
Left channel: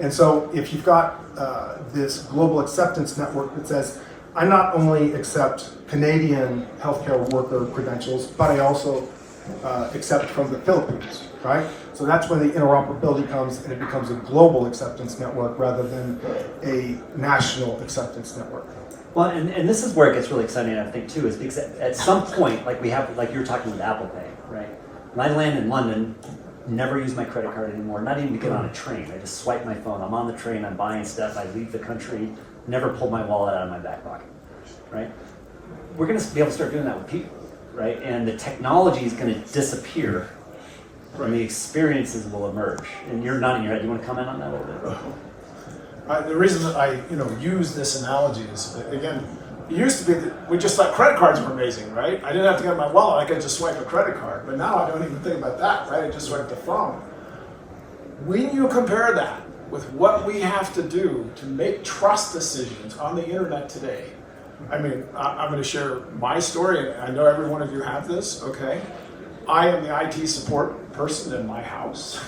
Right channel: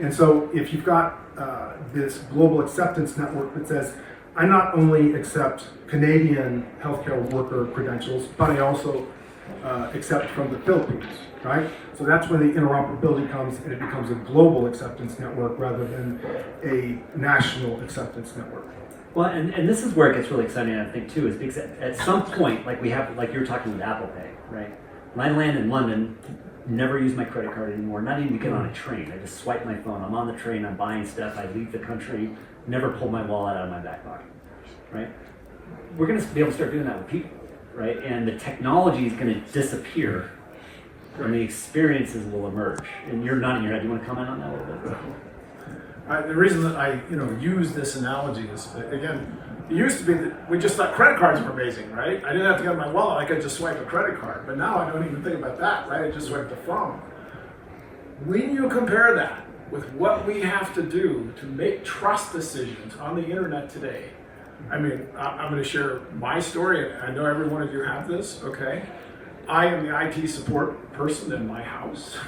And so if you've got this global acceptance network that says, I not only accept Canadian healthcare worker credentials, but I also accept from the Philippines, right? So that's when the interoperability comes, and it becomes a global acceptance network rather than a national acceptance network. Well, and this is where it gets really exciting, I think, too, is because at some point, like you're talking with Apple Pay, right? When I land in London, never use my credit card anymore, not even to get on a train. I just swipe my phone. I'm on the train, I'm buying stuff, I leave the country, never pull my wallet out of my back pocket, right? We're going to be able to start doing that with people, right? And the technology is going to disappear, and the experiences will emerge. And you're nodding your head. Do you want to comment on that a little bit? The reason that I use this analogy is, again, it used to be that we just thought credit cards were amazing, right? I didn't have to get my wallet, I could just swipe a credit card. But now I don't even think about that, right? I just swipe the phone. When you compare that with what we have to do to make trust decisions on the internet today, I mean, I'm going to share my story, and I know every one of you have this, okay? I am the IT support person in my house.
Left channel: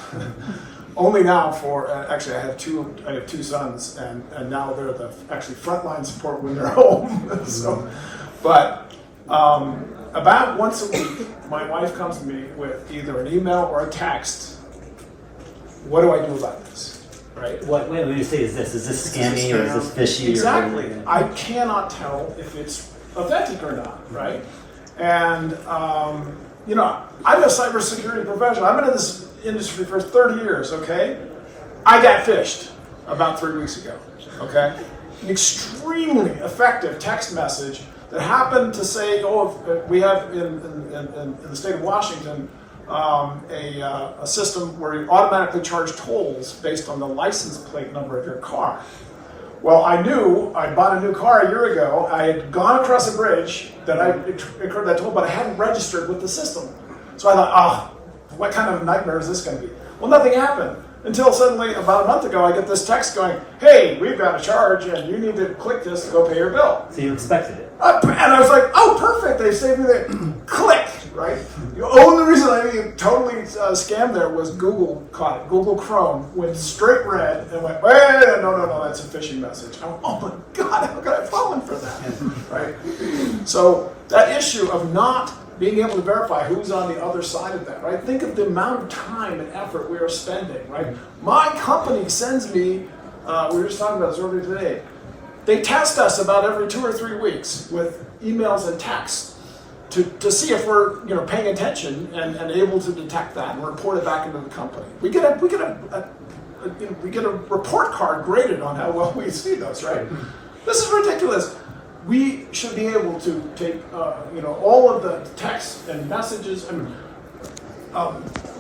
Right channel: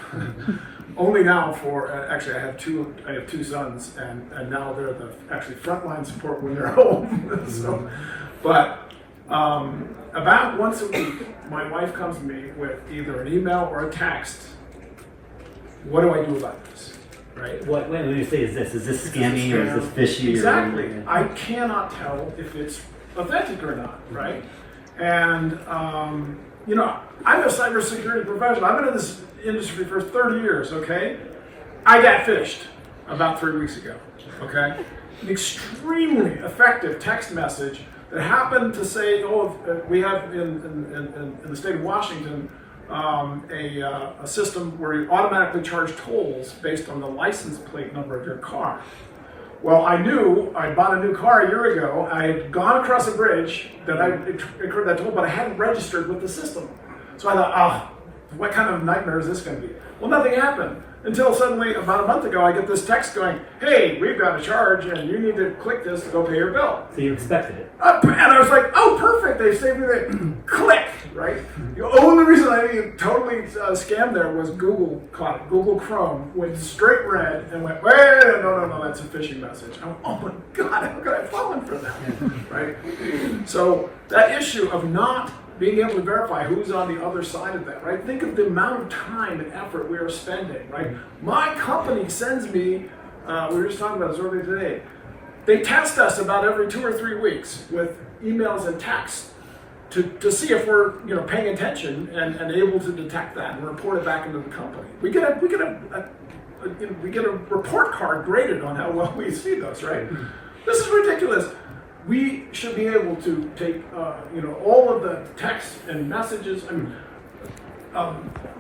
Only now for, actually I have two sons, and now they're the actually frontline support when they're home. So, but about once a week, my wife comes to me with either an email or a text. What do I do about this? Right? What when you say is this scammy or is this fishy? Exactly. Or I cannot tell if it's authentic or not, right? And I'm a cybersecurity professional. I've been in this industry for 30 years, okay? I got phished about 3 weeks ago, okay? An extremely effective text message that happened to say, we have in the state of Washington a system where you automatically charge tolls based on the license plate number of your car. Well, I knew I bought a new car a year ago. I had gone across a bridge that I incurred that toll, but I hadn't registered with the system. So I thought, what kind of nightmare is this going to be? Well, nothing happened until suddenly, about a month ago, I get this text going, hey, we've got a charge and you need to click this to go pay your bill. So you expected it. And I was like, oh, perfect, they saved me the click, right? The only reason I totally scammed there was Google caught it. Google Chrome went straight red and went, wait, no, that's a phishing message. I went, oh my God, how could I have fallen for that, right? So that issue of not being able to verify who's on the other side of that, right? Think of the amount of time and effort we are spending, right? My company sends me we were just talking about this earlier today. They test us about every 2 or 3 weeks with emails and texts to see if we're paying attention and able to detect that and report it back into the company. We get a report card graded on how well we see those, right? This is ridiculous. We should be able to take all of the text and messages.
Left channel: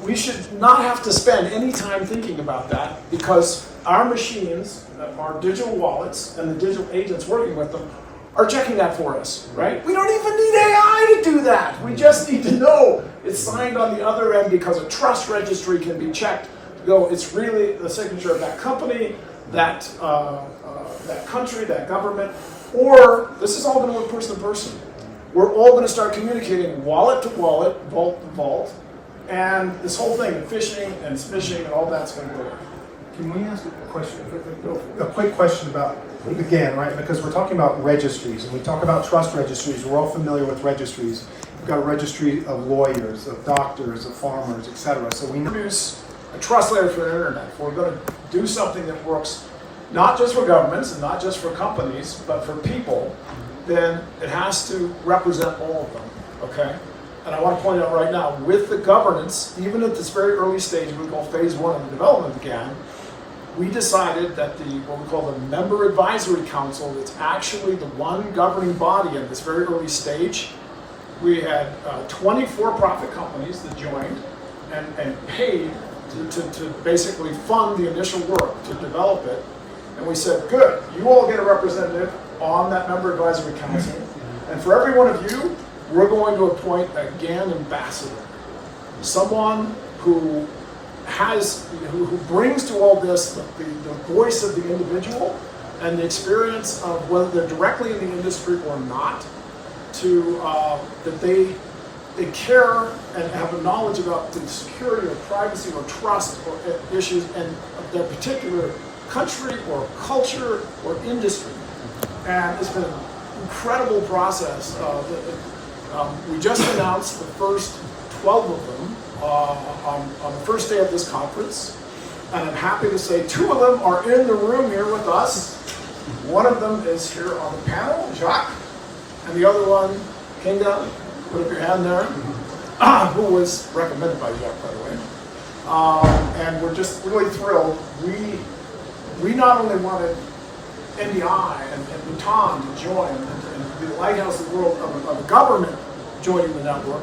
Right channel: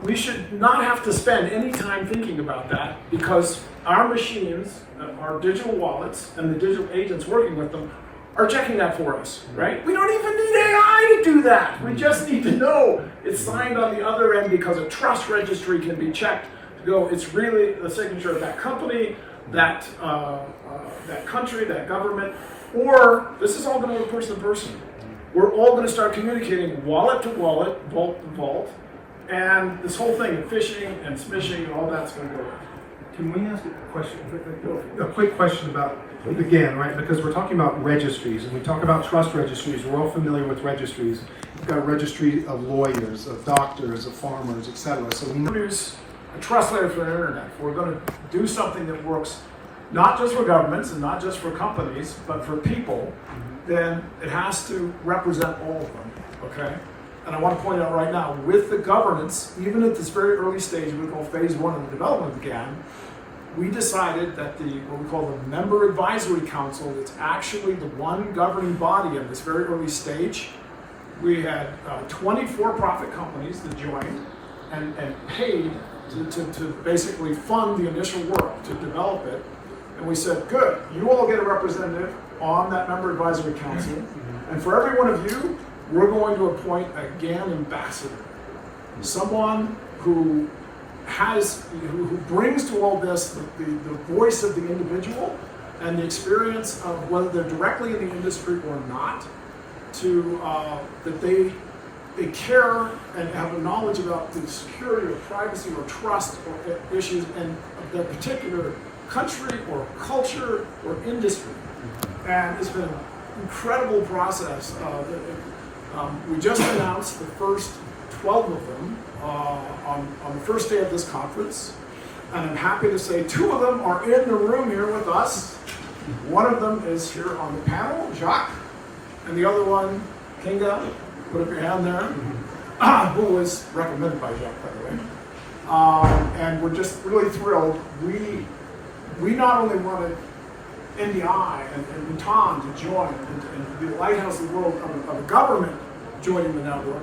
We should not have to spend any time thinking about that, because our machines, our digital wallets, and the digital agents working with them are checking that for us, right? We don't even need AI to do that. We just need to know it's signed on the other end, because a trust registry can be checked to go, it's really the signature of that company, that country, that government, or this is all going to work person to person. We're all going to start communicating wallet to wallet, vault to vault, and this whole thing, phishing and smishing and all that's going to go away. Can we ask a question? A quick question about, again, right? Because we're talking about registries, and we talk about trust registries. We're all familiar with registries. We've got a registry of lawyers, of doctors, of farmers, etc. So we Use a trust layer for the internet. If we're going to do something that works not just for governments and not just for companies, but for people, then it has to represent all of them, okay? And I want to point out right now, with the governance, even at this very early stage, we call phase 1 of the development again, we decided that what we call the Member Advisory Council, it's actually the one governing body at this very early stage. We had 20 for-profit companies that joined and paid to basically fund the initial work, to develop it. And we said, good, you all get a representative on that Member Advisory Council, and for every one of you, we're going to appoint a GAN ambassador, someone who brings to all this the voice of the individual and the experience of whether they're directly in the industry or not, that they care and have a knowledge about the security or privacy or trust or issues and of their particular country or culture or industry. And it's been an incredible process. We just announced the first 12 of them on the first day of this conference, and I'm happy to say 2 of them are in the room here with us. One of them is here on the panel, Jacques, and the other one, Kinga, put up your hand there, who was recommended by Jacques, by the way. And we're just really thrilled. We not only wanted NDI and Bhutan to join and be the lighthouse of the world of a government joining the network,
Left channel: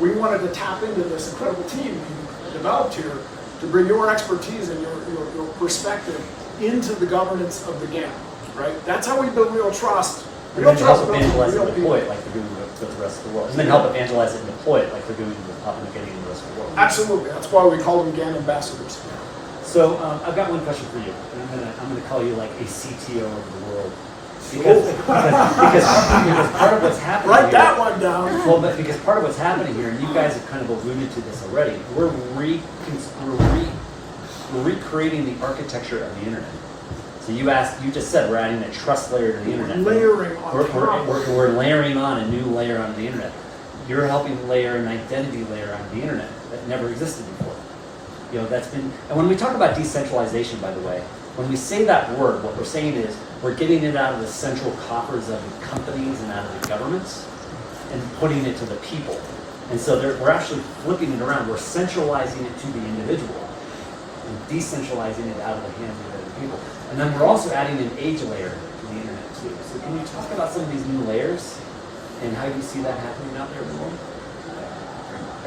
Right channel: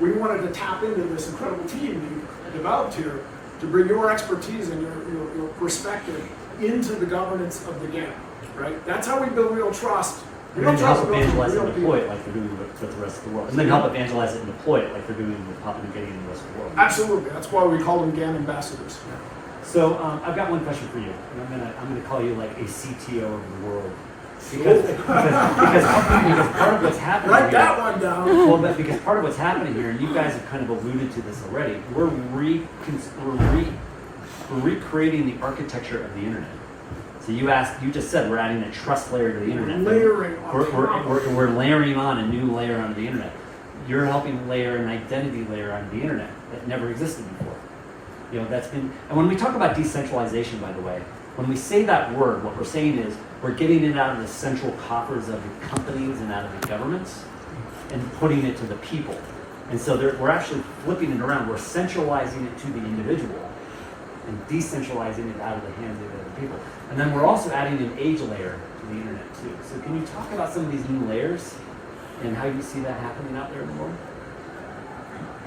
we wanted to tap into this incredible team we developed here to bring your expertise and your perspective into the governance of the GAN, right? That's how we build real trust. And then help evangelize and deploy it like they're doing with the rest of the world. And then help evangelize it and deploy it like they're doing with Papua New Guinea and the rest of the world. Absolutely. That's why we call them GAN ambassadors. Yeah. So I've got one question for you, and I'm gonna call you like a CTO of the world, because part of what's happening. Write here, that one down. Well, but because part of what's happening here, and you guys have kind of alluded to this already, we're recreating the architecture of the internet. So you just said we're adding a trust layer to the internet. Layering on. We're layering on a new layer onto the internet. You're helping layer an identity layer onto the internet that never existed before. That's been, and when we talk about decentralization, by the way, when we say that word, what we're saying is we're getting it out of the central coffers of the companies and out of the governments and putting it to the people. And so we're actually flipping it around. We're centralizing it to the individual and decentralizing it out of the hands of the people. And then we're also adding an age layer to the internet too. So can you talk about some of these new layers and how you see that happening out there in the world?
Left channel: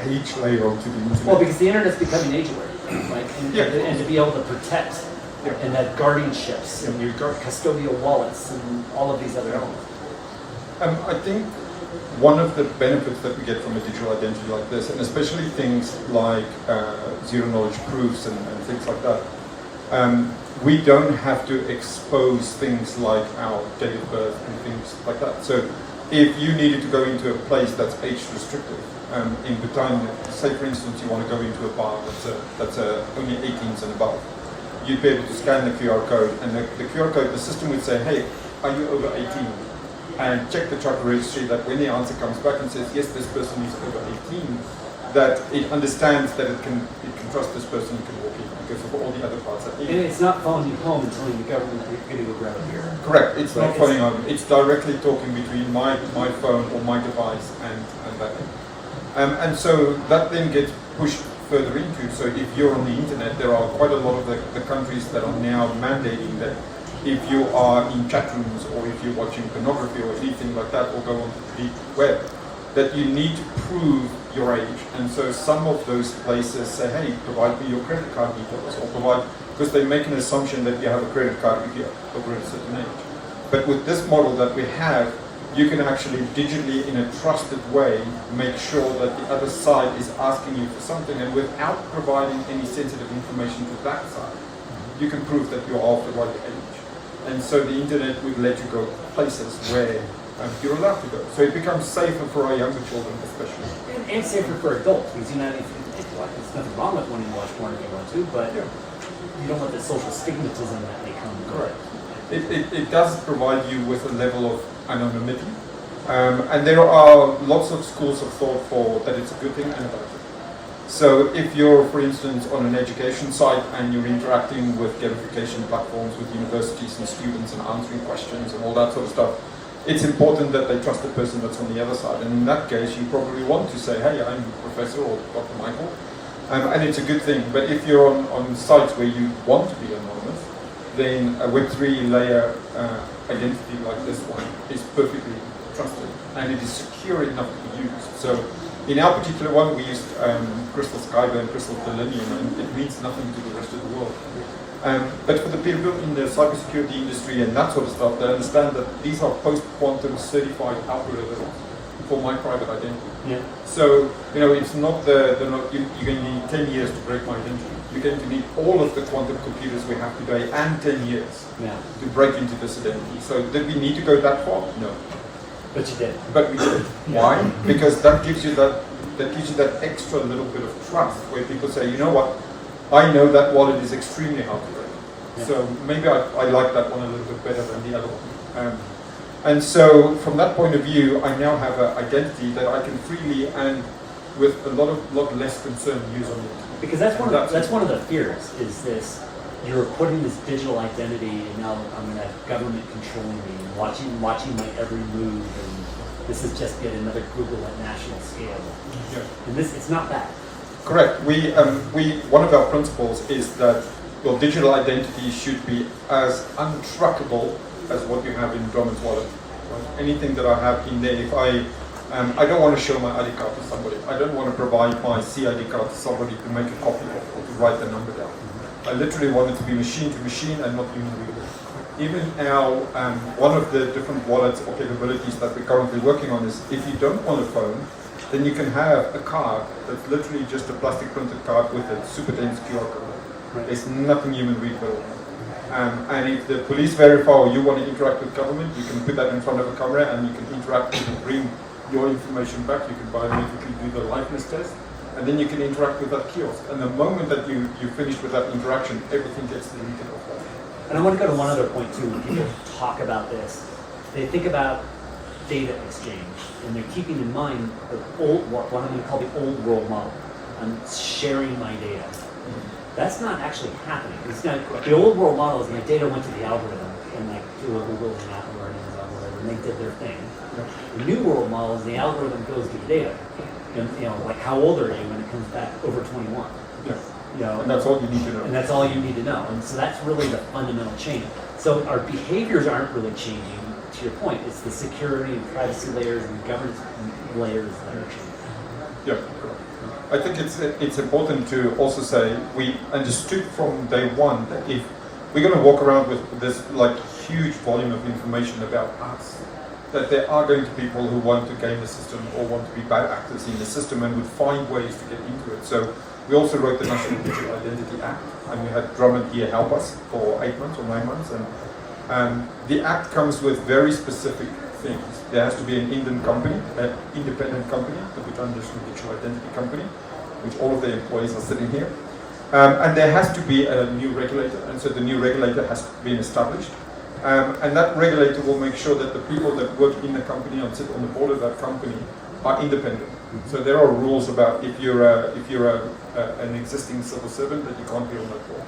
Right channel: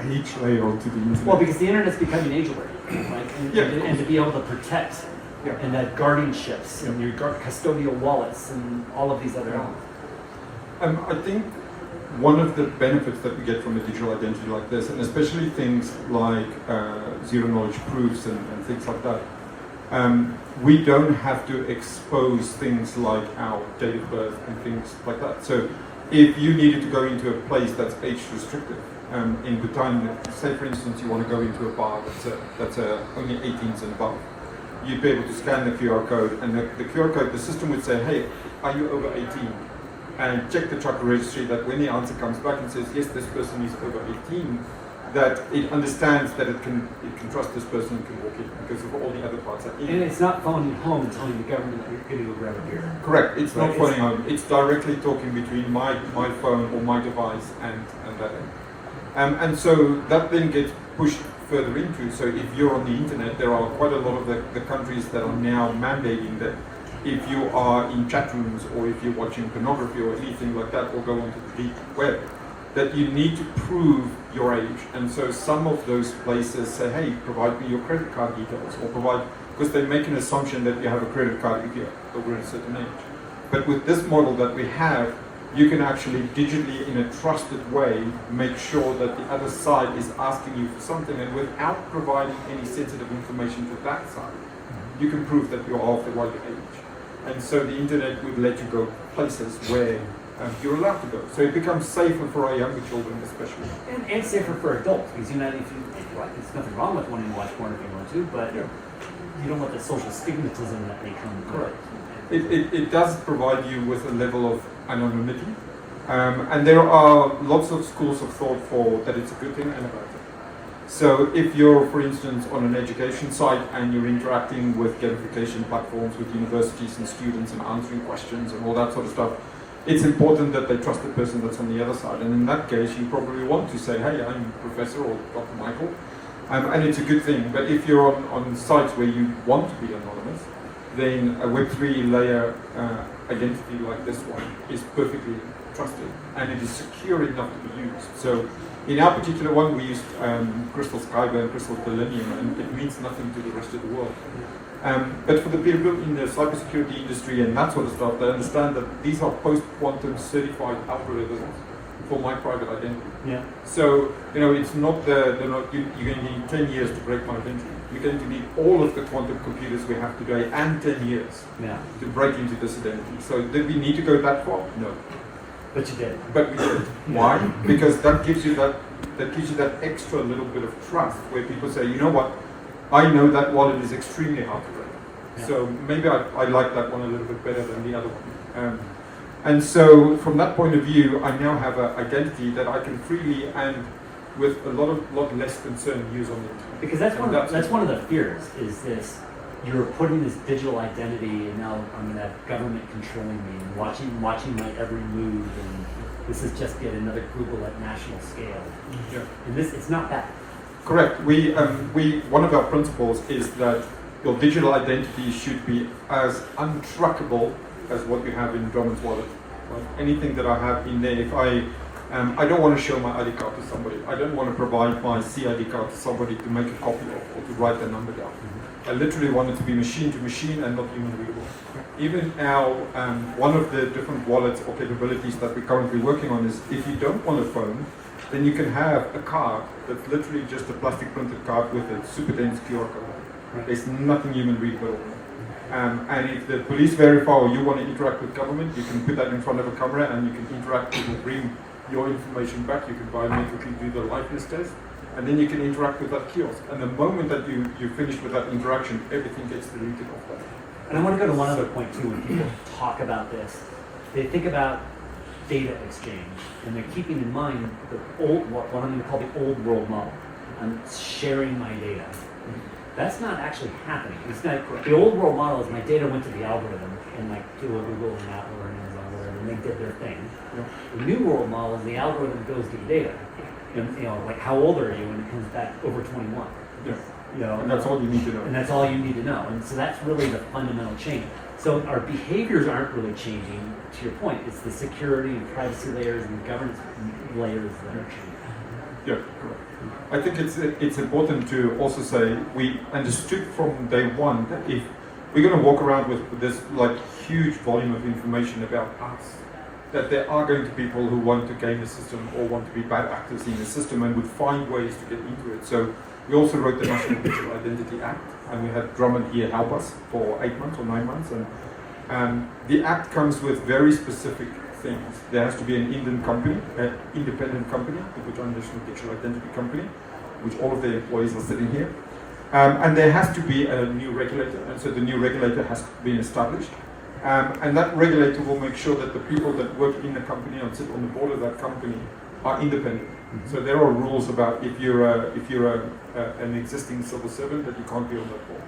Age layer onto the internet. Well, because the internet's becoming age layer, right? And to be able to protect and that guardianships and your custodial wallets and all of these other elements. I think one of the benefits that we get from a digital identity like this, and especially things like zero knowledge proofs and things like that, we don't have to expose things like our date of birth and things like that. So if you needed to go into a place that's age restrictive, in Bhutan, say for instance you want to go into a bar that's only 18s and above, you'd be able to scan the QR code, and the QR code, the system would say, hey, are you over 18? And check the truck registry that when the answer comes back and says, yes, this person is over 18, that it understands that it can trust this person, it can walk in because of all the other parts that And it's not phoning you home and telling the government that you're going to go grab a beer. Correct. It's Right, not phoning home. It's directly talking between my phone or my device and that thing. And so that then gets pushed further into. So if you're on the internet, there are quite a lot of the countries that are now mandating that if you are in chat rooms or if you're watching pornography or anything like that or go onto the deep web, that you need to prove your age. And so some of those places say, hey, provide me your credit card details or provide, because they make an assumption that you have a credit card if you're over a certain age. But with this model that we have, you can actually digitally, in a trusted way, make sure that the other side is asking you for something, and without providing any sensitive information to that side, you can prove that you're of the right age. And so the internet would let you go places where you're allowed to go. So it becomes safer for our younger children, especially. And safer for adults, because if you like, there's nothing wrong with wanting to watch porn if you want to, but you don't want the social stigmatism that may come with Correct. It does provide you with a level of anonymity, and there are lots of schools of thought for that it's a good thing and a bad thing. So if you're, for instance, on an education site and you're interacting with gamification platforms with universities and students and answering questions and all that sort of stuff, it's important that they trust the person that's on the other side. And in that case, you probably want to say, hey, I'm Professor or Dr. Michael, and it's a good thing. But if you're on sites where you want to be anonymous, then a Web3 layer identity like this one is perfectly trusted, and it is secure enough to be used. So in our particular one, we used Crystal Skyber and Crystal Selenium, and it means nothing to the rest of the world. But for the people in the cybersecurity industry and that sort of stuff, they understand that these are post-quantum certified algorithms for my private identity. Yeah. So, it's not you're going to need 10 years to break my identity. You're going to need all of the quantum computers we have today and 10 years to break into this identity. So did we need to go that far? No. But you did. But we did. Why? Because that gives you that extra little bit of trust where people say, you know what, I know that wallet is extremely hard to break. Yeah. So maybe I like that one a little bit better than the other one. And so from that point of view, I now have an identity that I can freely and with a lot less concern use on the internet. Because that's one of the fears, is this, you're putting this digital identity and now I'm going to have government controlling me and watching my every move, and this is just yet another Google at national scale. Yeah. And it's not bad. Correct. We one of our principles is that your digital identity should be as untrackable as what you have in Drummond's wallet. Right? Anything that I have in there, if I don't want to show my ID card to somebody. I don't want to provide my CID card to somebody to make a copy of or to write the number down. I literally want it to be machine to machine and not human readable. Even our one of the different wallets or capabilities that we're currently working on is if you don't want a phone, then you can have a card that's literally just a plastic printed card with a super dense QR code. Right. There's nothing human readable on it. And if the police verify or you want to interact with government, you can put that in front of a camera and you can interact. You can bring your information back. You can biometrically do the liveness test, and then you can interact with that kiosk. And the moment that you finish with that interaction, everything gets deleted off that. And I want to go to one other point too. When people talk about this, they think about data exchange, and they're keeping in mind the what I'm going to call the old world model. I'm sharing my data. That's not actually happening. It's not, the old world model is my data went to the algorithm, and like to a Google and Apple or an Amazon or whatever, and they did their thing. Yep. The new world model is the algorithm goes to the data. And, like how old are you, and it comes back over 21. Yeah. And that's all you need to know. And that's all you need to know. And so that's really the fundamental change. So our behaviors aren't really changing, to your point. It's the security and privacy layers and governance layers that are changing. Yeah, correct. I think it's important to also say we understood from day one that if we're going to walk around with this like huge volume of information about us, that there are going to be people who want to game the system or want to be bad actors in the system and would find ways to get into it. So we also wrote the National Digital Identity Act, and we had Drummond here help us for 8 months or 9 months. And the act comes with very specific things. There has to be an Indian company, an independent company, the Bhutan National Digital Identity Company, which all of their employees are sitting here. And there has to be a new regulator, and so the new regulator has been established. And that regulator will make sure that the people that work in the company and sit on the board of that company are independent. So there are rules about if you're an existing civil servant that you can't be on that board.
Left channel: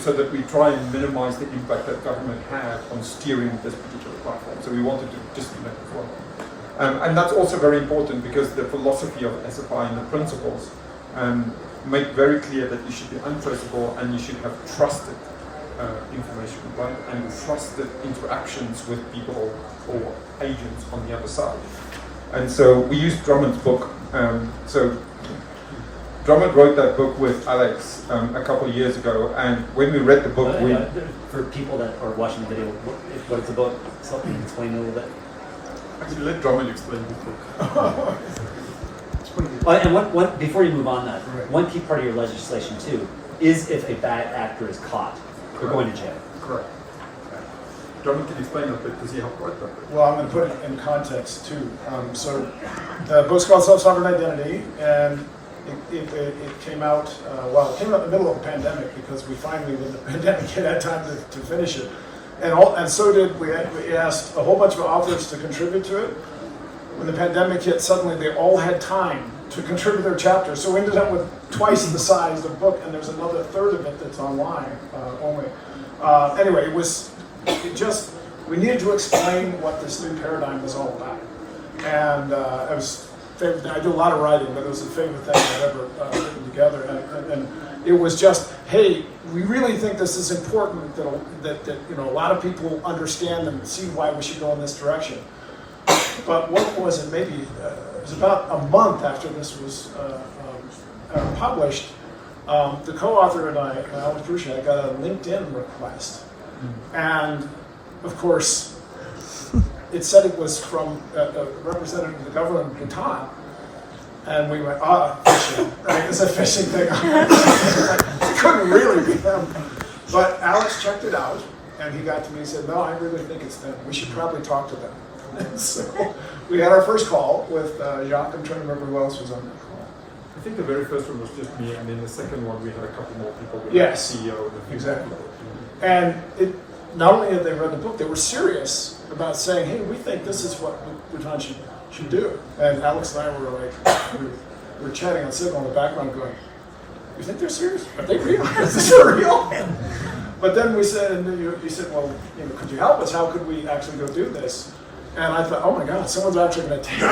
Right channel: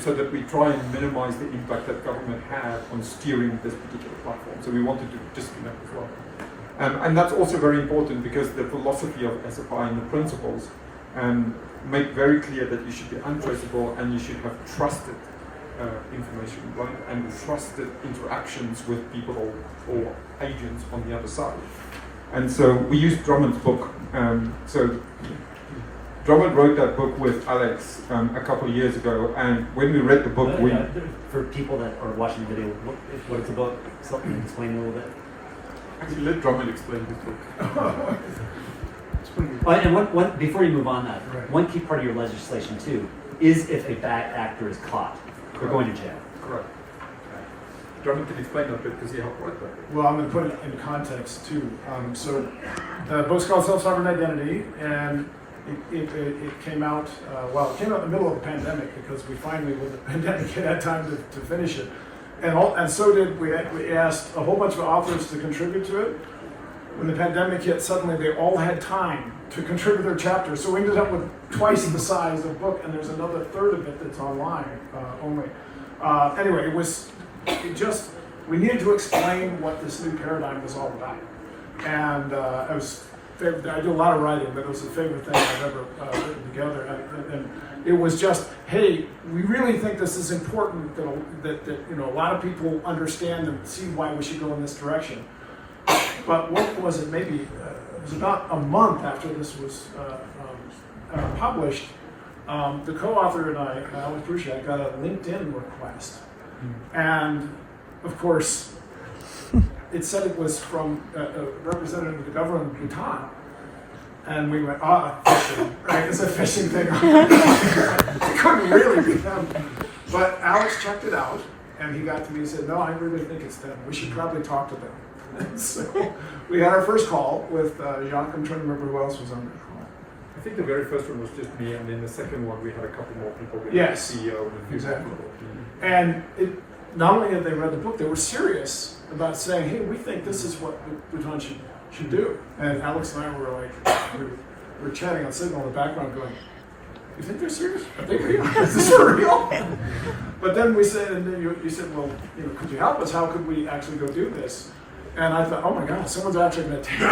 So that we try and minimize the impact that government have on steering this particular platform. So we wanted to disconnect as well. And that's also very important because the philosophy of SFI and the principles make very clear that you should be untraceable and you should have trusted information, right? And trusted interactions with people or agents on the other side. And so we used Drummond's book. So Drummond wrote that book with Alex a couple of years ago, and when we read the book, for people that are watching the video, what it's about, something explain a little bit. Actually, let Drummond explain his book. And one before you move on, that Right. one key part of your legislation too is if a bad actor is caught, they're going to jail. Correct. Drummond can explain that bit because he helped write that bit. Well, I'm going to put it in context too. So the book's called Self-Sovereign Identity, and it came out, it came out in the middle of the pandemic because we finally, with the pandemic, had time to finish it. And so did, we asked a whole bunch of authors to contribute to it. When the pandemic hit, suddenly they all had time to contribute their chapters. So we ended up with twice the size of the book, and there's another third of it that's online only. Anyway, we needed to explain what this new paradigm was all about. And I do a lot of writing, but it was the favorite thing I've ever written together. And it was just, hey, we really think this is important that a lot of people understand and see why we should go in this direction. But what was it? Maybe it was about a month after this was published. The co-author and I, Alex Brucia, got a LinkedIn request, and of course, it said it was from a representative of the government of Bhutan, and we went, phishing, right? It's a phishing thing. It couldn't really be them. But Alex checked it out, and he got to me and said, no, I really think it's them. We should probably talk to them. And so we had our first call with Jacques. I'm trying to remember who else was on that call. I think the very first one was just me, and then the second one we had a couple more people. We Yes. had the CEO and a few Exactly. more people. And not only had they read the book, they were serious about saying, hey, we think this is what Bhutan should do. And Alex and I were like, we were chatting on Signal in the background going, you think they're serious? Are they real? Is this for real? But then we said, and you said, well, could you help us? How could we actually go do this? And I thought, oh my God, someone's actually going to take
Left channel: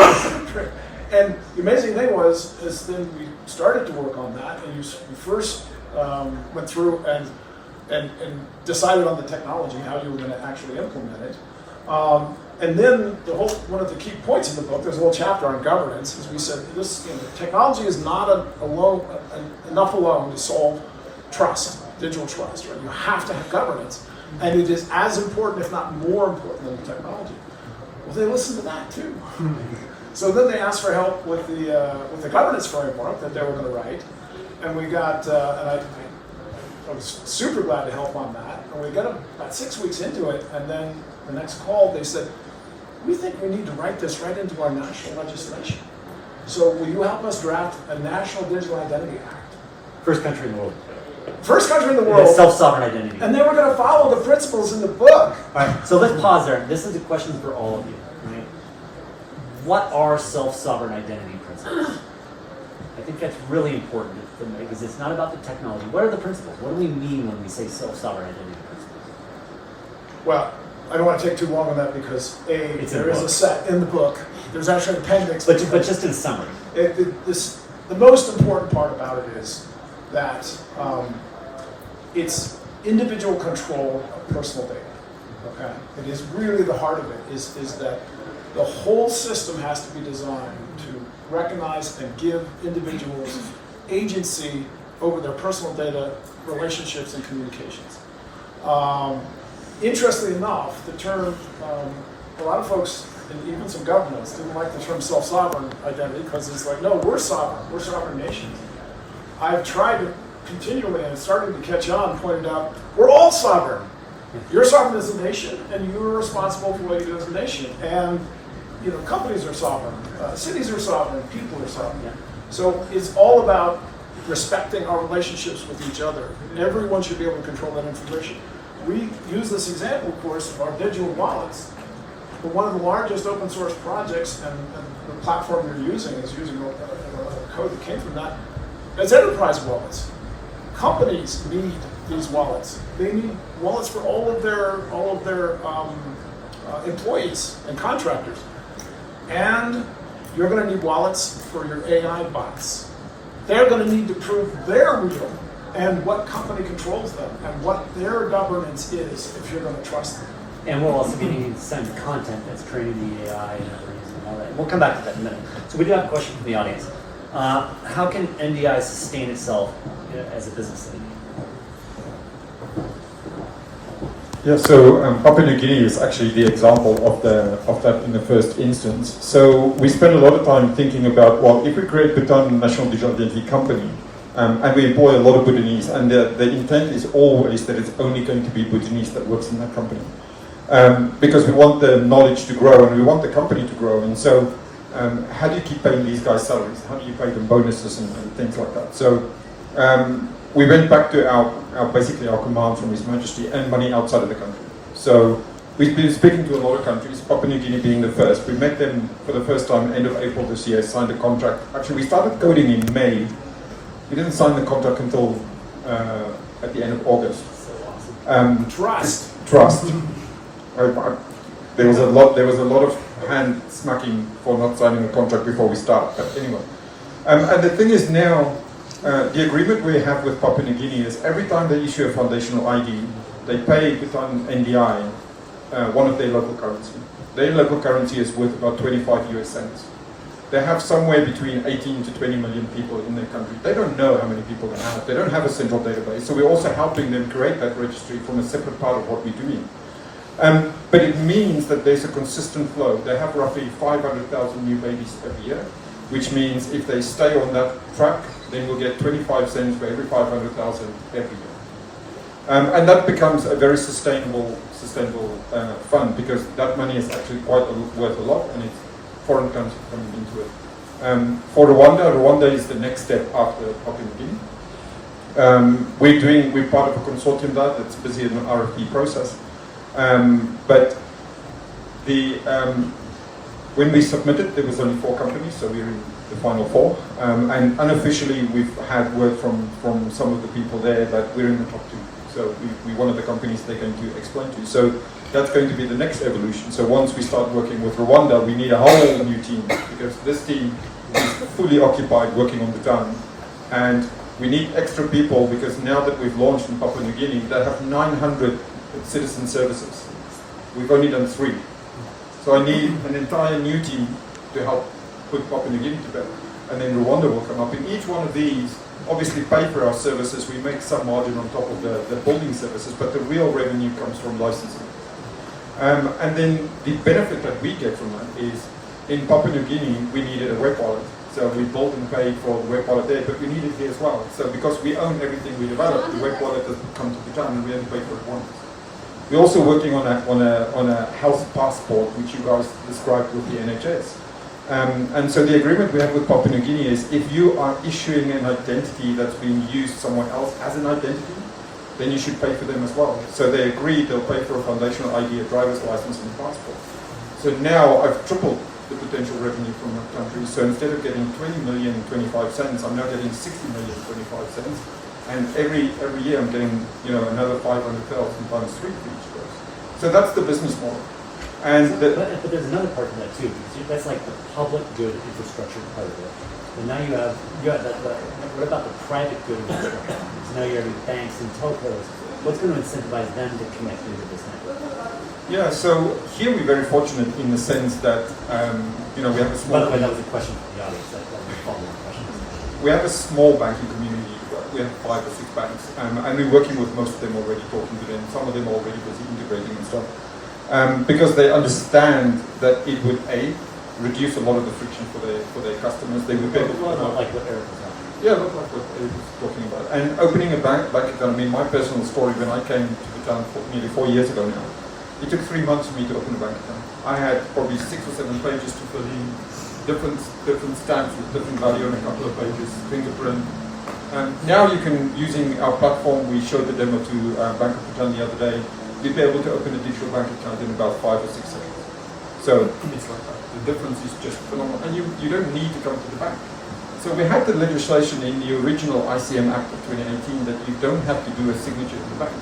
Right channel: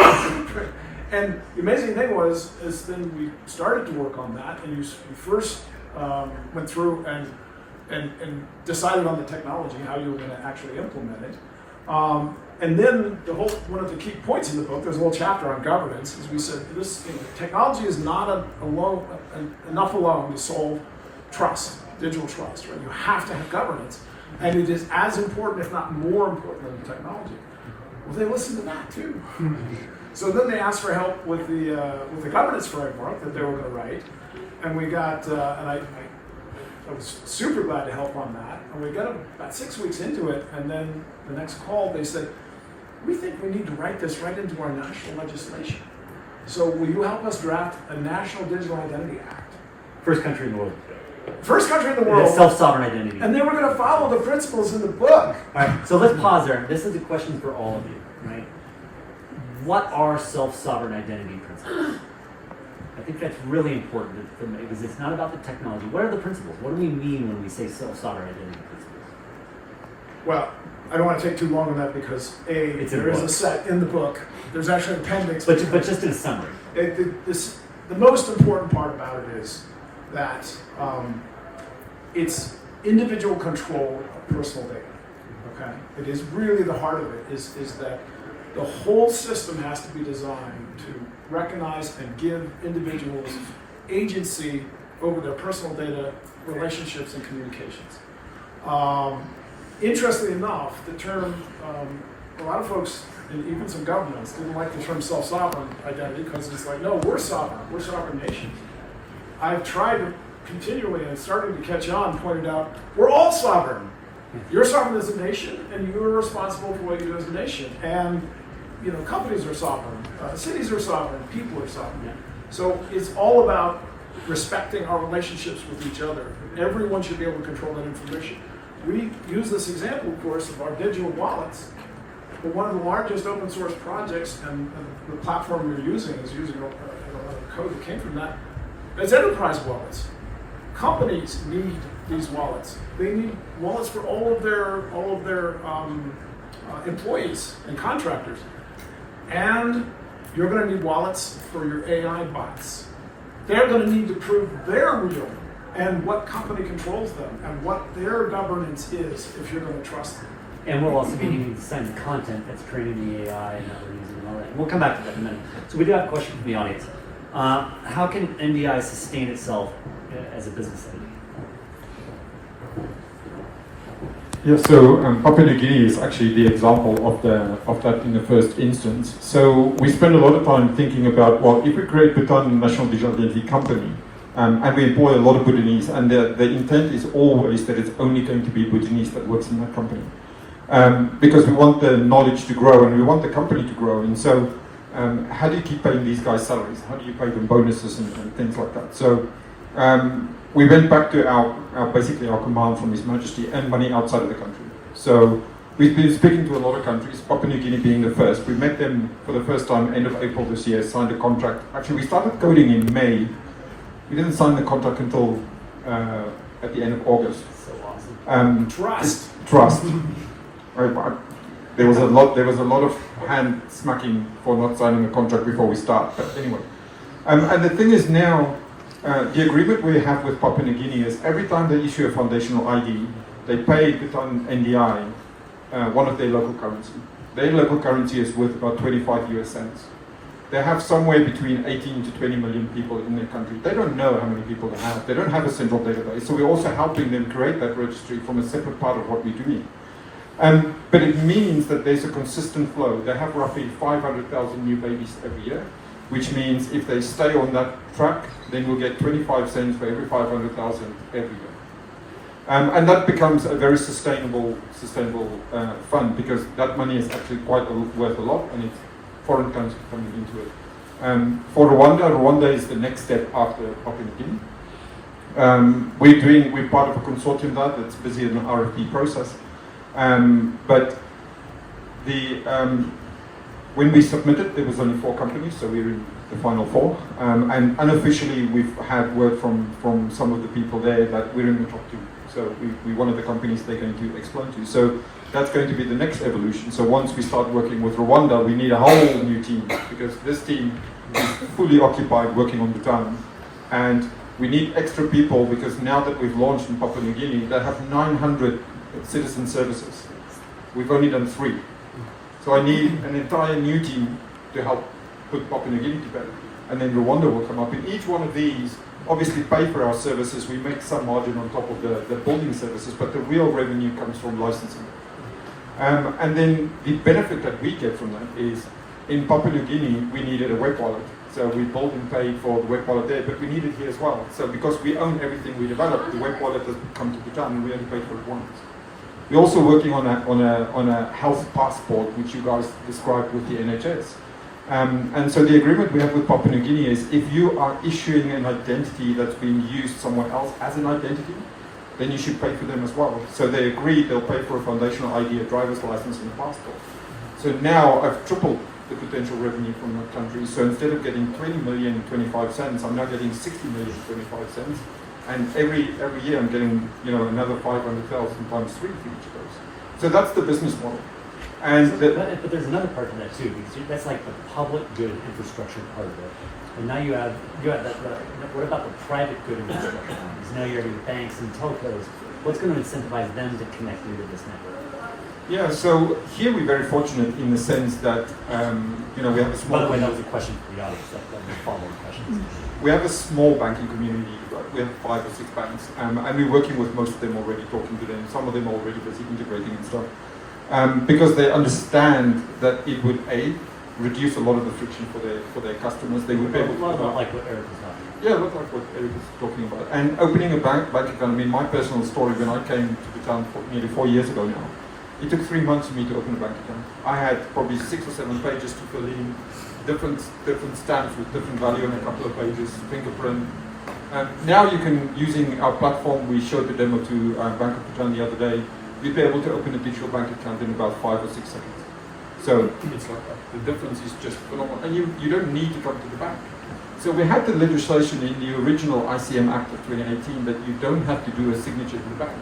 it. And the amazing thing is then we started to work on that, and we first went through and decided on the technology, how you were going to actually implement it. And then one of the key points in the book, there's a little chapter on governance, is we said this, technology is not enough alone to solve trust, digital trust, right? You have to have governance, and it is as important, if not more important, than the technology. Well, they listened to that too. So then they asked for help with the governance framework that they were going to write, and we got, and I was super glad to help on that. And we got about 6 weeks into it, and then the next call they said, we think we need to write this right into our national legislation. So will you help us draft a National Digital Identity Act? First country in the world. First country in the world. Self-sovereign identity. And they were going to follow the principles in the book. All right, so let's pause there. This is a question for all of you, right? What are self-sovereign identity principles? I think that's really important to make, because it's not about the technology. What are the principles? What do we mean when we say self-sovereign identity principles? Well, I don't want to take too long on that because there is a set in the book. There's actually an appendix. But just in summary. The most important part about it is that it's individual control of personal data. Okay, it is really the heart of it. Is that the whole system has to be designed to recognize and give individuals agency over their personal data, relationships, and communications. Interestingly enough, the term, a lot of folks, and even some governments, didn't like the term self-sovereign identity because it's like, no, we're sovereign nations. I've tried to continually, and it's starting to catch on, pointed out, we're all sovereign. You're sovereign as a nation, and you're responsible for what you do as a nation. And companies are sovereign, cities are sovereign, people are sovereign. Yeah. So it's all about respecting our relationships with each other. Everyone should be able to control that information. We use this example, of course, of our digital wallets. but one of the largest open source projects, and the platform you're using is using a lot of code that came from that. It's enterprise wallets. Companies need these wallets. They need wallets for all of their employees and contractors. And you're going to need wallets for your AI bots. They're going to need to prove they're real and what company controls them and what their governance is if you're going to trust them. And we'll also be needing to send content that's training the AI and that we're using and all that. We'll come back to that in a minute. So we do have a question from the audience. How can NDI sustain itself as a business entity? Yeah, so Papua New Guinea is actually the example of that in the first instance. So we spend a lot of time thinking about, well, if we create Bhutan National Digital Identity Company, and we employ a lot of Bhutanese, and the intent is always that it's only going to be Bhutanese that works in that company. Because we want the knowledge to grow and we want the company to grow. And so how do you keep paying these guys salaries? How do you pay them bonuses and things like that? So we went back to basically our command from His Majesty and money outside of the country. So we've been speaking to a lot of countries, Papua New Guinea being the first. We met them for the first time end of April this year, signed a contract. Actually, we started coding in May. We didn't sign the contract until at the end of August. So awesome. Trust. Right, there was a lot of hand smacking for not signing the contract before we start. But anyway, and the thing is now, the agreement we have with Papua New Guinea is every time they issue a foundational ID, they pay Bhutan NDI one of their local currency. Their local currency is worth about 25 US cents. They have somewhere between 18 to 20 million people in their country. They don't know how many people they have. They don't have a central database. So we're also helping them create that registry from a separate part of what we do. But it means that there's a consistent flow. They have roughly 500,000 new babies every year, which means if they stay on that track, then we'll get 25 cents for every 500,000 every year. And that becomes a very sustainable fund, because that money is actually quite worth a lot, and it's foreign currency coming into it. For Rwanda is the next step after Papua New Guinea. We're part of a consortium that's busy in an RFP process. But when we submitted, there was only 4 companies, so we're in the final 4. And unofficially, we've had word from some of the people there that we're in the top 2. So we're one of the companies they're going to explain to. So that's going to be the next evolution. So once we start working with Rwanda, we need a whole new team, because this team is fully occupied working on Bhutan. And we need extra people, because now that we've launched in Papua New Guinea, they have 900 citizen services. We've only done 3. So I need an entire new team to help put Papua New Guinea together. And then Rwanda will come up. In each one of these, obviously pay for our services. We make some margin on top of the building services, but the real revenue comes from licensing. And then the benefit that we get from that is, in Papua New Guinea, we needed a web wallet. So we built and paid for the web wallet there, but we need it here as well. So because we own everything we develop, the web wallet doesn't come to Bhutan, and we only pay for it once. We're also working on a health passport, which you guys described with the NHS. And so the agreement we have with Papua New Guinea is, if you are issuing an identity that's being used somewhere else as an identity, then you should pay for them as well. So they agreed they'll pay for a foundational ID, a driver's license, and a passport. So now I've tripled the potential revenue from that country. So instead of getting 20 million and 25 cents, I'm now getting 60 million and 25 cents. And every year I'm getting another 500,000 times 3 for each of those. So that's the business model. And but there's another part to that too, because that's like the public good infrastructure part of it. But now you have that. What about the private good infrastructure? Because now you're having banks and telcos. What's going to incentivize them to connect into this network? yeah, so here we're very fortunate in the sense that we have a small. By the way, that was a question for the audience. That was a follow-up question. We have a small banking community. We have 5 or 6 banks, and we're working with most of them already, talking to them. Some of them are already busy integrating and stuff. Because they understand that it would reduce a lot of the friction for their customers. They would be able to like what Eric was talking about. Yeah, look like what Eric is talking about. And opening a bank account. I mean, my personal story, when I came to Bhutan nearly 4 years ago now, it took 3 months for me to open a bank account. I had probably 6 or 7 pages to fill in, different stamps with different value on a couple of pages, fingerprint. Now you can, using our platform, we showed the demo to Bank of Bhutan the other day, you'd be able to open a digital bank account in about 5 or 6 seconds. So it's like that. The difference is just phenomenal. And you don't need to come to the bank. So we had the legislation in the original ICM Act of 2018 that you don't have to do a signature to the bank.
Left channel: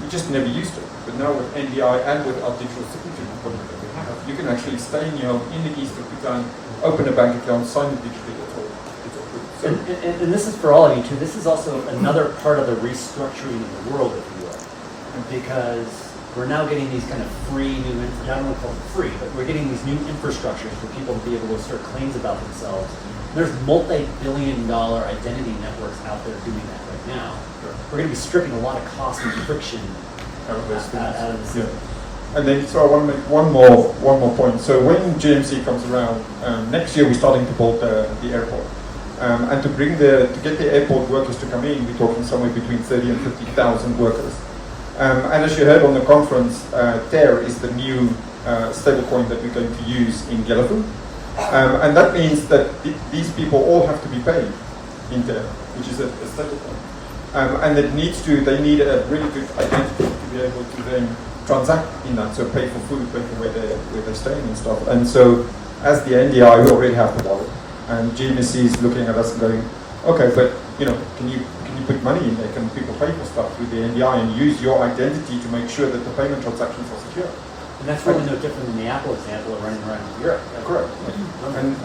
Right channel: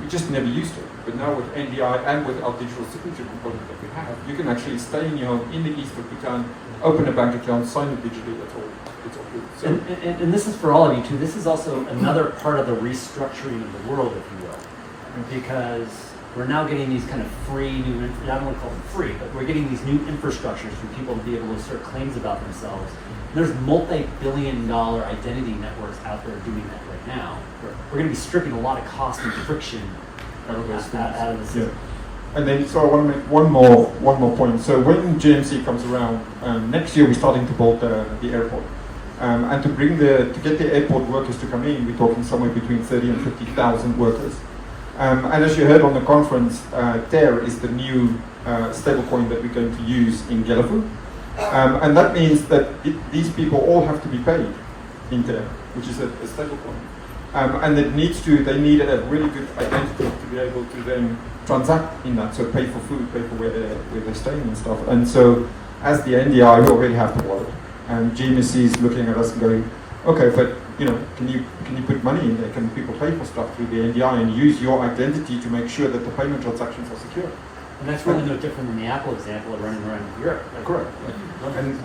We just never used it. But now with NDI and with our digital signature component that we have, you can actually stay in your home in the east of Bhutan, open a bank account, sign it digitally, it's all good. So, And this is for all of you too. This is also another part of the restructuring of the world, if you will, because we're now getting these kind of free new, I don't want to call them free, but we're getting these new infrastructures for people to be able to assert claims about themselves. There's multi-billion-dollar identity networks out there doing that right now. Sure. We're going to be stripping a lot of cost and friction out of those things. out of the system. Yeah. And then, so I want to make one more point. So when GMC comes around, next year we're starting to build the airport. And to get the airport workers to come in, we're talking somewhere between 30 and 50,000 workers. And as you heard on the conference, TER is the new stablecoin that we're going to use in Galafu. And that means that these people all have to be paid in TER, which is a stablecoin. And they need a really good identity to be able to then transact in that, so pay for food, pay for where they're staying and stuff. And so as the NDI, we already have the wallet. And GMC is looking at us and going, okay, but can you put money in there? Can people pay for stuff through the NDI and use your identity to make sure that the payment transactions are secure? And that's really no different than the Apple example of running around in Europe. Like, Correct.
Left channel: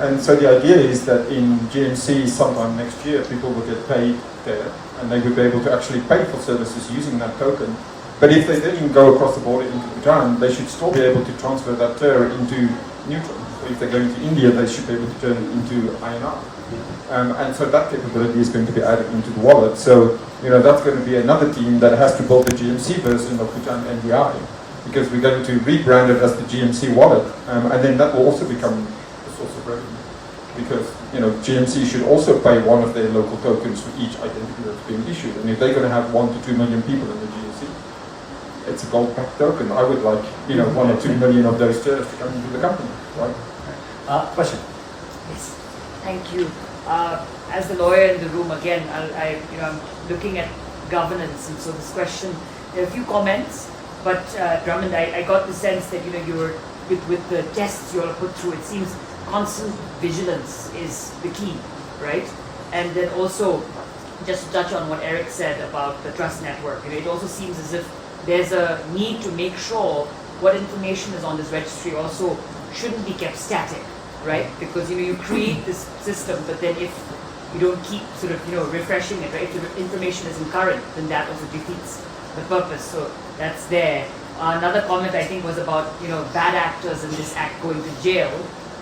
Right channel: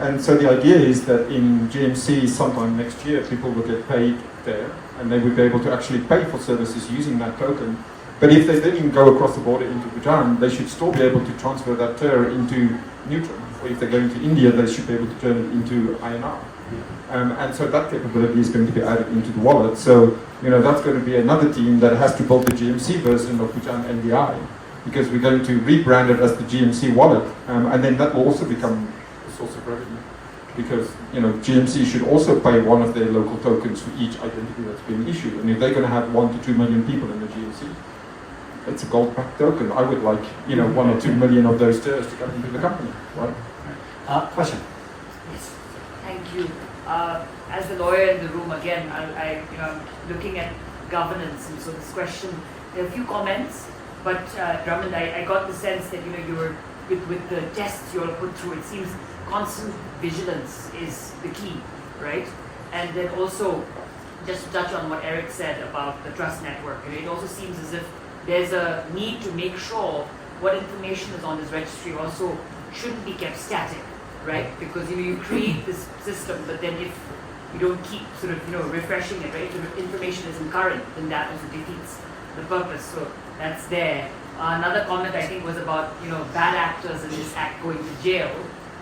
And so the idea is that in GMC sometime next year, people will get paid there, and they would be able to actually pay for services using that token. But if they didn't go across the border into Bhutan, they should still be able to transfer that TER into neutral. Or if they're going to India, they should be able to turn it into INR. And so that capability is going to be added into the wallet. So, that's going to be another team that has to build the GMC version of Bhutan NDI, because we're going to rebrand it as the GMC wallet. And then that will also become a source of revenue. Because, GMC should also pay one of their local tokens for each identity that's being issued. And if they're going to have 1 to 2 million people in the GMC, it's a gold-backed token. I would like, 1 or 2 million of those TERs to come into the company, right? Question. Yes, thank you. As the lawyer in the room, again, I'm looking at governance, and so this question, there are a few comments, but Drummond, I got the sense that you were with the tests you all put through. It seems constant vigilance is the key, right? And then also, just to touch on what Eric said about the trust network, it also seems as if there's a need to make sure what information is on this registry also shouldn't be kept static, right? Because you create this system, but then if you don't keep sort of refreshing it, right? If information isn't current, then that also defeats the purpose. So that's there. Another comment I think was about bad actors in this act going to jail.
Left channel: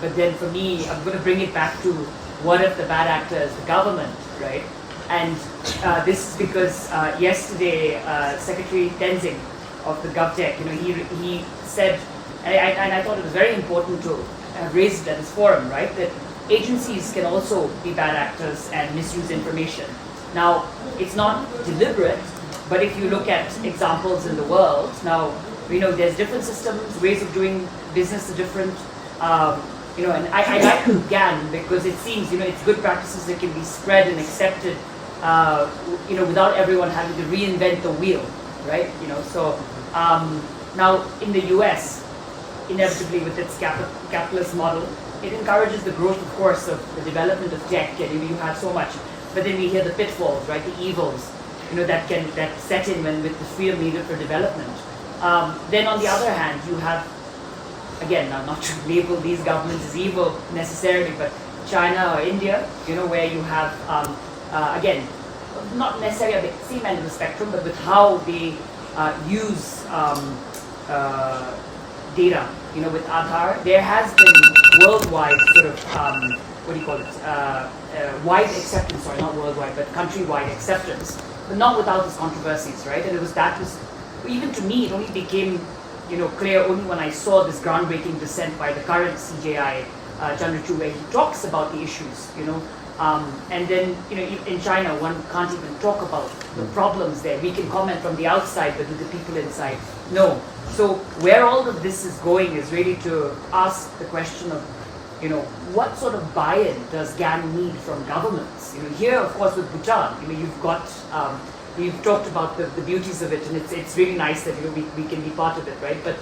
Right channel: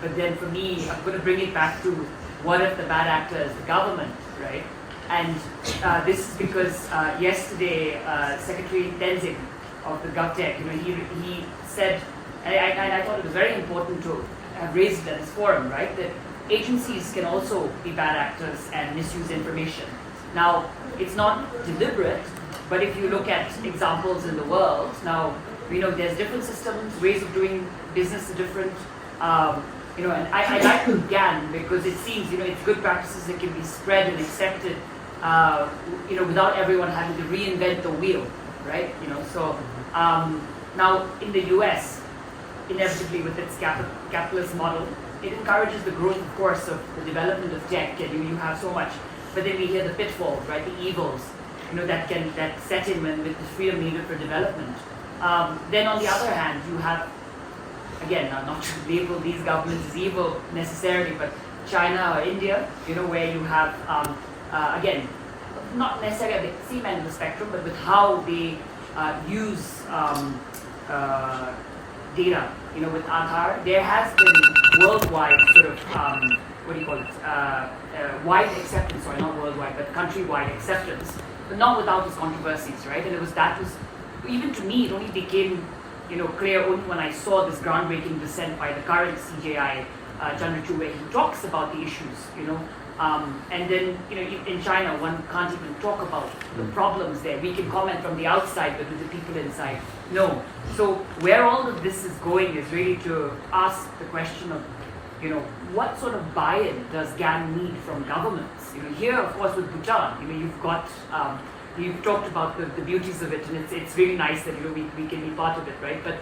But then for me, I'm going to bring it back to what if the bad actor is the government, right? And this is because yesterday, Secretary Tenzing of the GovTech, he said, and I thought it was very important to have raised it at this forum, right, that agencies can also be bad actors and misuse information. Now, it's not deliberate, but if you look at examples in the world, now, there's different systems, ways of doing business are different. And I like the GAN because it seems, it's good practices that can be spread and accepted, without everyone having to reinvent the wheel, right? So now in the US, inevitably with its capitalist model, it encourages the growth, of course, of the development of tech, and you have so much. But then we hear the pitfalls, right? The evils, that set in with the freedom needed for development. Then on the other hand, you have, again, not to label these governments as evil necessarily, but China or India, where you have, again, not necessarily at the same end of the spectrum, but with how they use data, with Aadhaar, there has been worldwide sort of, wide acceptance, sorry, not worldwide, but countrywide acceptance, but not without its controversies, right? And even to me, it only became clear only when I saw this groundbreaking dissent by the current CJI, Chandrachud, where he talks about the issues, and then, in China, one can't even talk about the problems there. We can comment from the outside, but with the people inside, no. So where all of this is going is really to ask the question of, what sort of buy-in does GAN need from governments? Here, of course, with Bhutan, you've got, you've talked about the beauties of it, and it's really nice that we can be part of it, right? But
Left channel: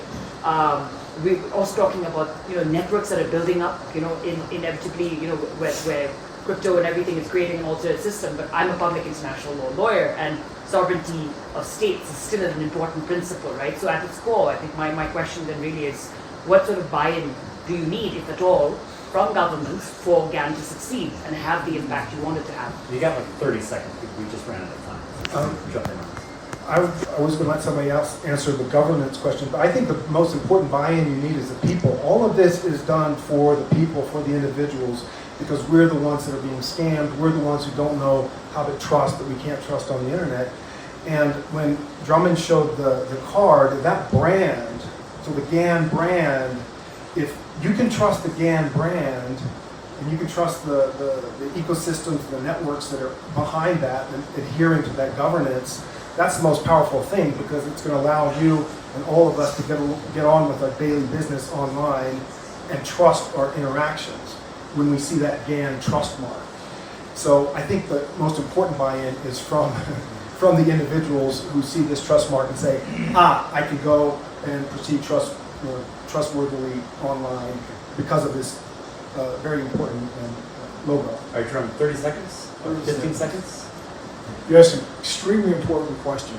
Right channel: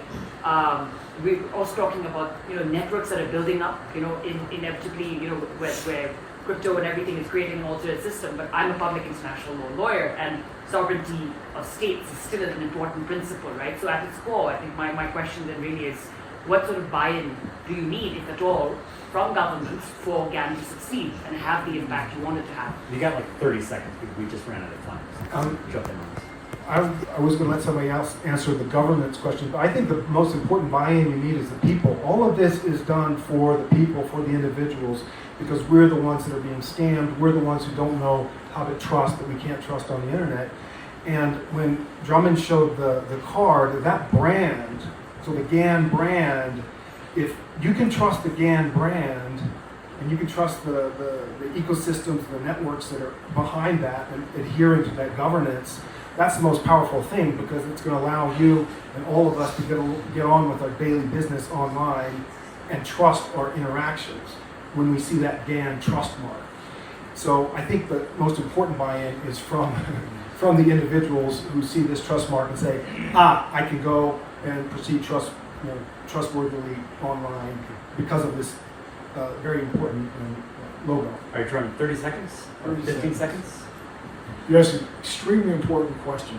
we're also talking about, networks that are building up, inevitably, where crypto and everything is creating an alternate system. But I'm a public international law lawyer, and sovereignty of states is still an important principle, right? So at its core, I think my question then really is, what sort of buy-in do you need, if at all, from governments for GAN to succeed and have the impact you want it to have? You got like 30 seconds. We just ran out of time. Jump in on this. I was going to let somebody else answer the governance question, but I think the most important buy-in you need is the people. All of this is done for the people, for the individuals, because we're the ones that are being scammed. We're the ones who don't know how to trust, that we can't trust on the internet. And when Drummond showed the card, that brand, so the GAN brand, if you can trust the GAN brand, and you can trust the ecosystems, the networks that are behind that and adhering to that governance, that's the most powerful thing, because it's going to allow you and all of us to get on with our daily business online and trust our interactions when we see that GAN trust mark. So I think the most important buy-in is from the individuals who see this trust mark and say, I can go and proceed trustworthily online because of this very important logo. All right, Drummond, 30 seconds? 15 seconds? You asked an extremely important question.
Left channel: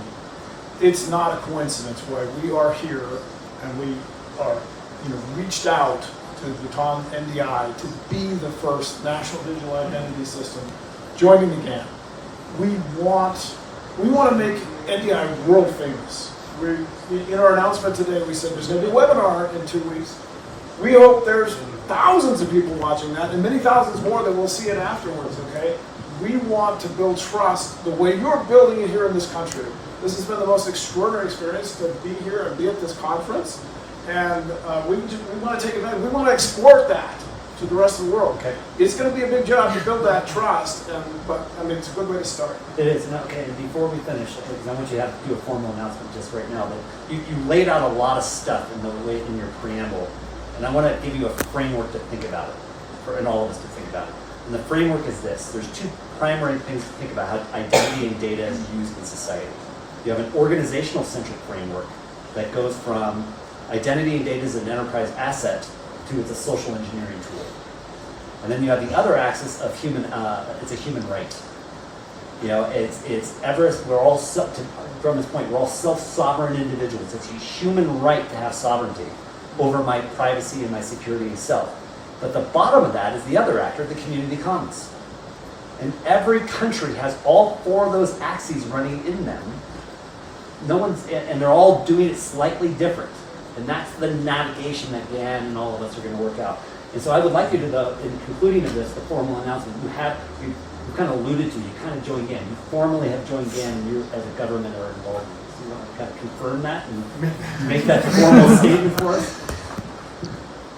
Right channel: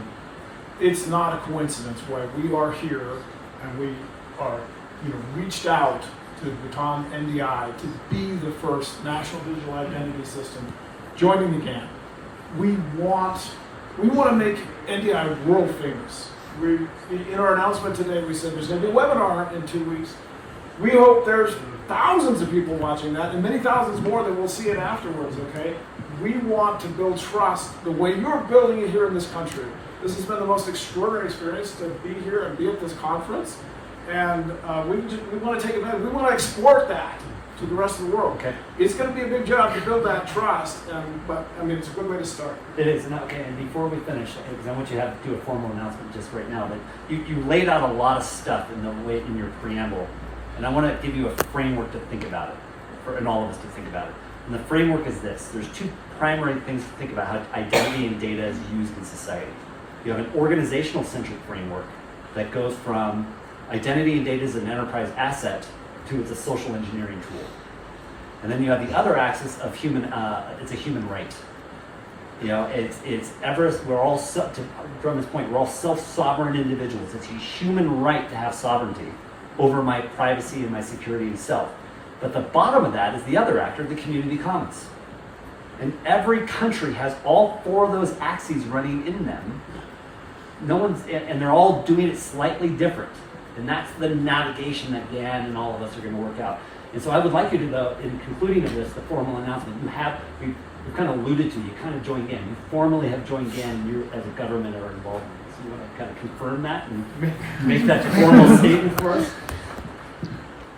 It's not a coincidence why we are here and we are, reached out to Bhutan NDI to be the first national digital identity system joining the GAN. We want to make NDI world famous. In our announcement today, we said there's going to be a webinar in 2 weeks. We hope there's thousands of people watching that and many thousands more that will see it afterwards, okay? We want to build trust the way you're building it here in this country. This has been the most extraordinary experience to be here and be at this conference. And we want to take advantage. We want to export that to the rest of the world. Okay. It's going to be a big job to build that trust, but it's a good way to start. It is. And okay, and before we finish, because I want you to have to do a formal announcement just right now, but you laid out a lot of stuff in your preamble, and I want to give you a framework to think about it, and all of us to think about it. And the framework is this. There's two primary things to think about how identity and data is used in society. You have an organizational-centric framework that goes from identity and data as an enterprise asset to it's a social engineering tool. And then you have the other axis of it's a human right. We're all, to Drummond's point, we're all self-sovereign individuals. It's a human right to have sovereignty over my privacy and my security and self. But the bottom of that is the other actor, the community commons. And every country has all four of those axes running in them. And they're all doing it slightly different. And that's the navigation that Dan and all of us are going to work out. And so I would like you to, in concluding of this, the formal announcement, we've kind of alluded to, you kind of joined GAN. You formally have joined GAN, and you as a government are involved. So you want to kind of confirm that and make that formal statement for us?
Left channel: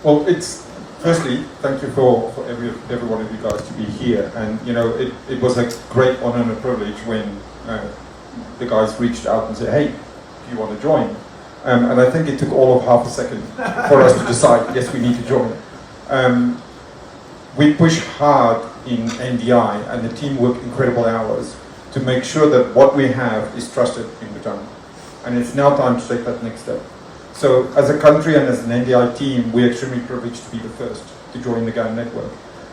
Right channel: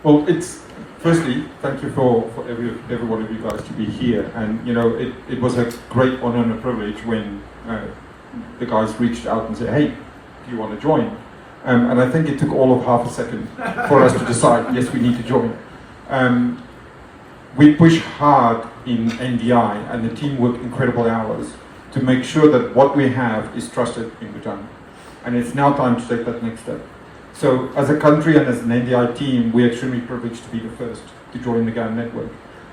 Well, firstly, thank you for every one of you guys to be here. And, it was a great honor and a privilege when the guys reached out and said, hey, do you want to join? And I think it took all of half a second for us to decide, yes, we need to join. We push hard in NDI, and the team work incredible hours to make sure that what we have is trusted in Bhutan. And it's now time to take that next step. So as a country and as an NDI team, we're extremely privileged to be the first to join the GAN network.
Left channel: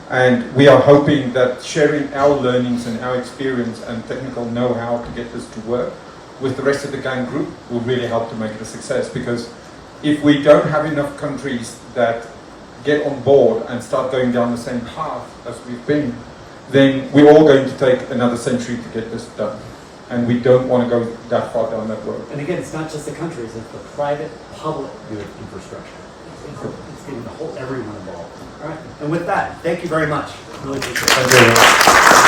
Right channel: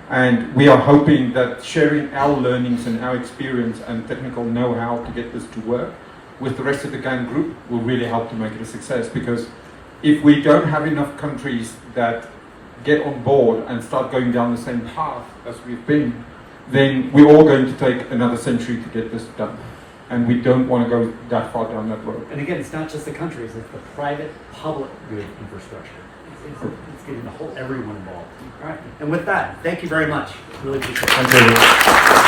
And we are hoping that sharing our learnings and our experience and technical know-how to get this to work with the rest of the GAN group will really help to make it a success. Because if we don't have enough countries that get on board and start going down the same path as we've been, then we're all going to take another century to get this done. And we don't want to go that far down that road. And again, it's not just the countries, it's the private, public good infrastructure. It's getting everyone involved. All right. And with that, thank you very much. Really appreciate it. Thank you very much.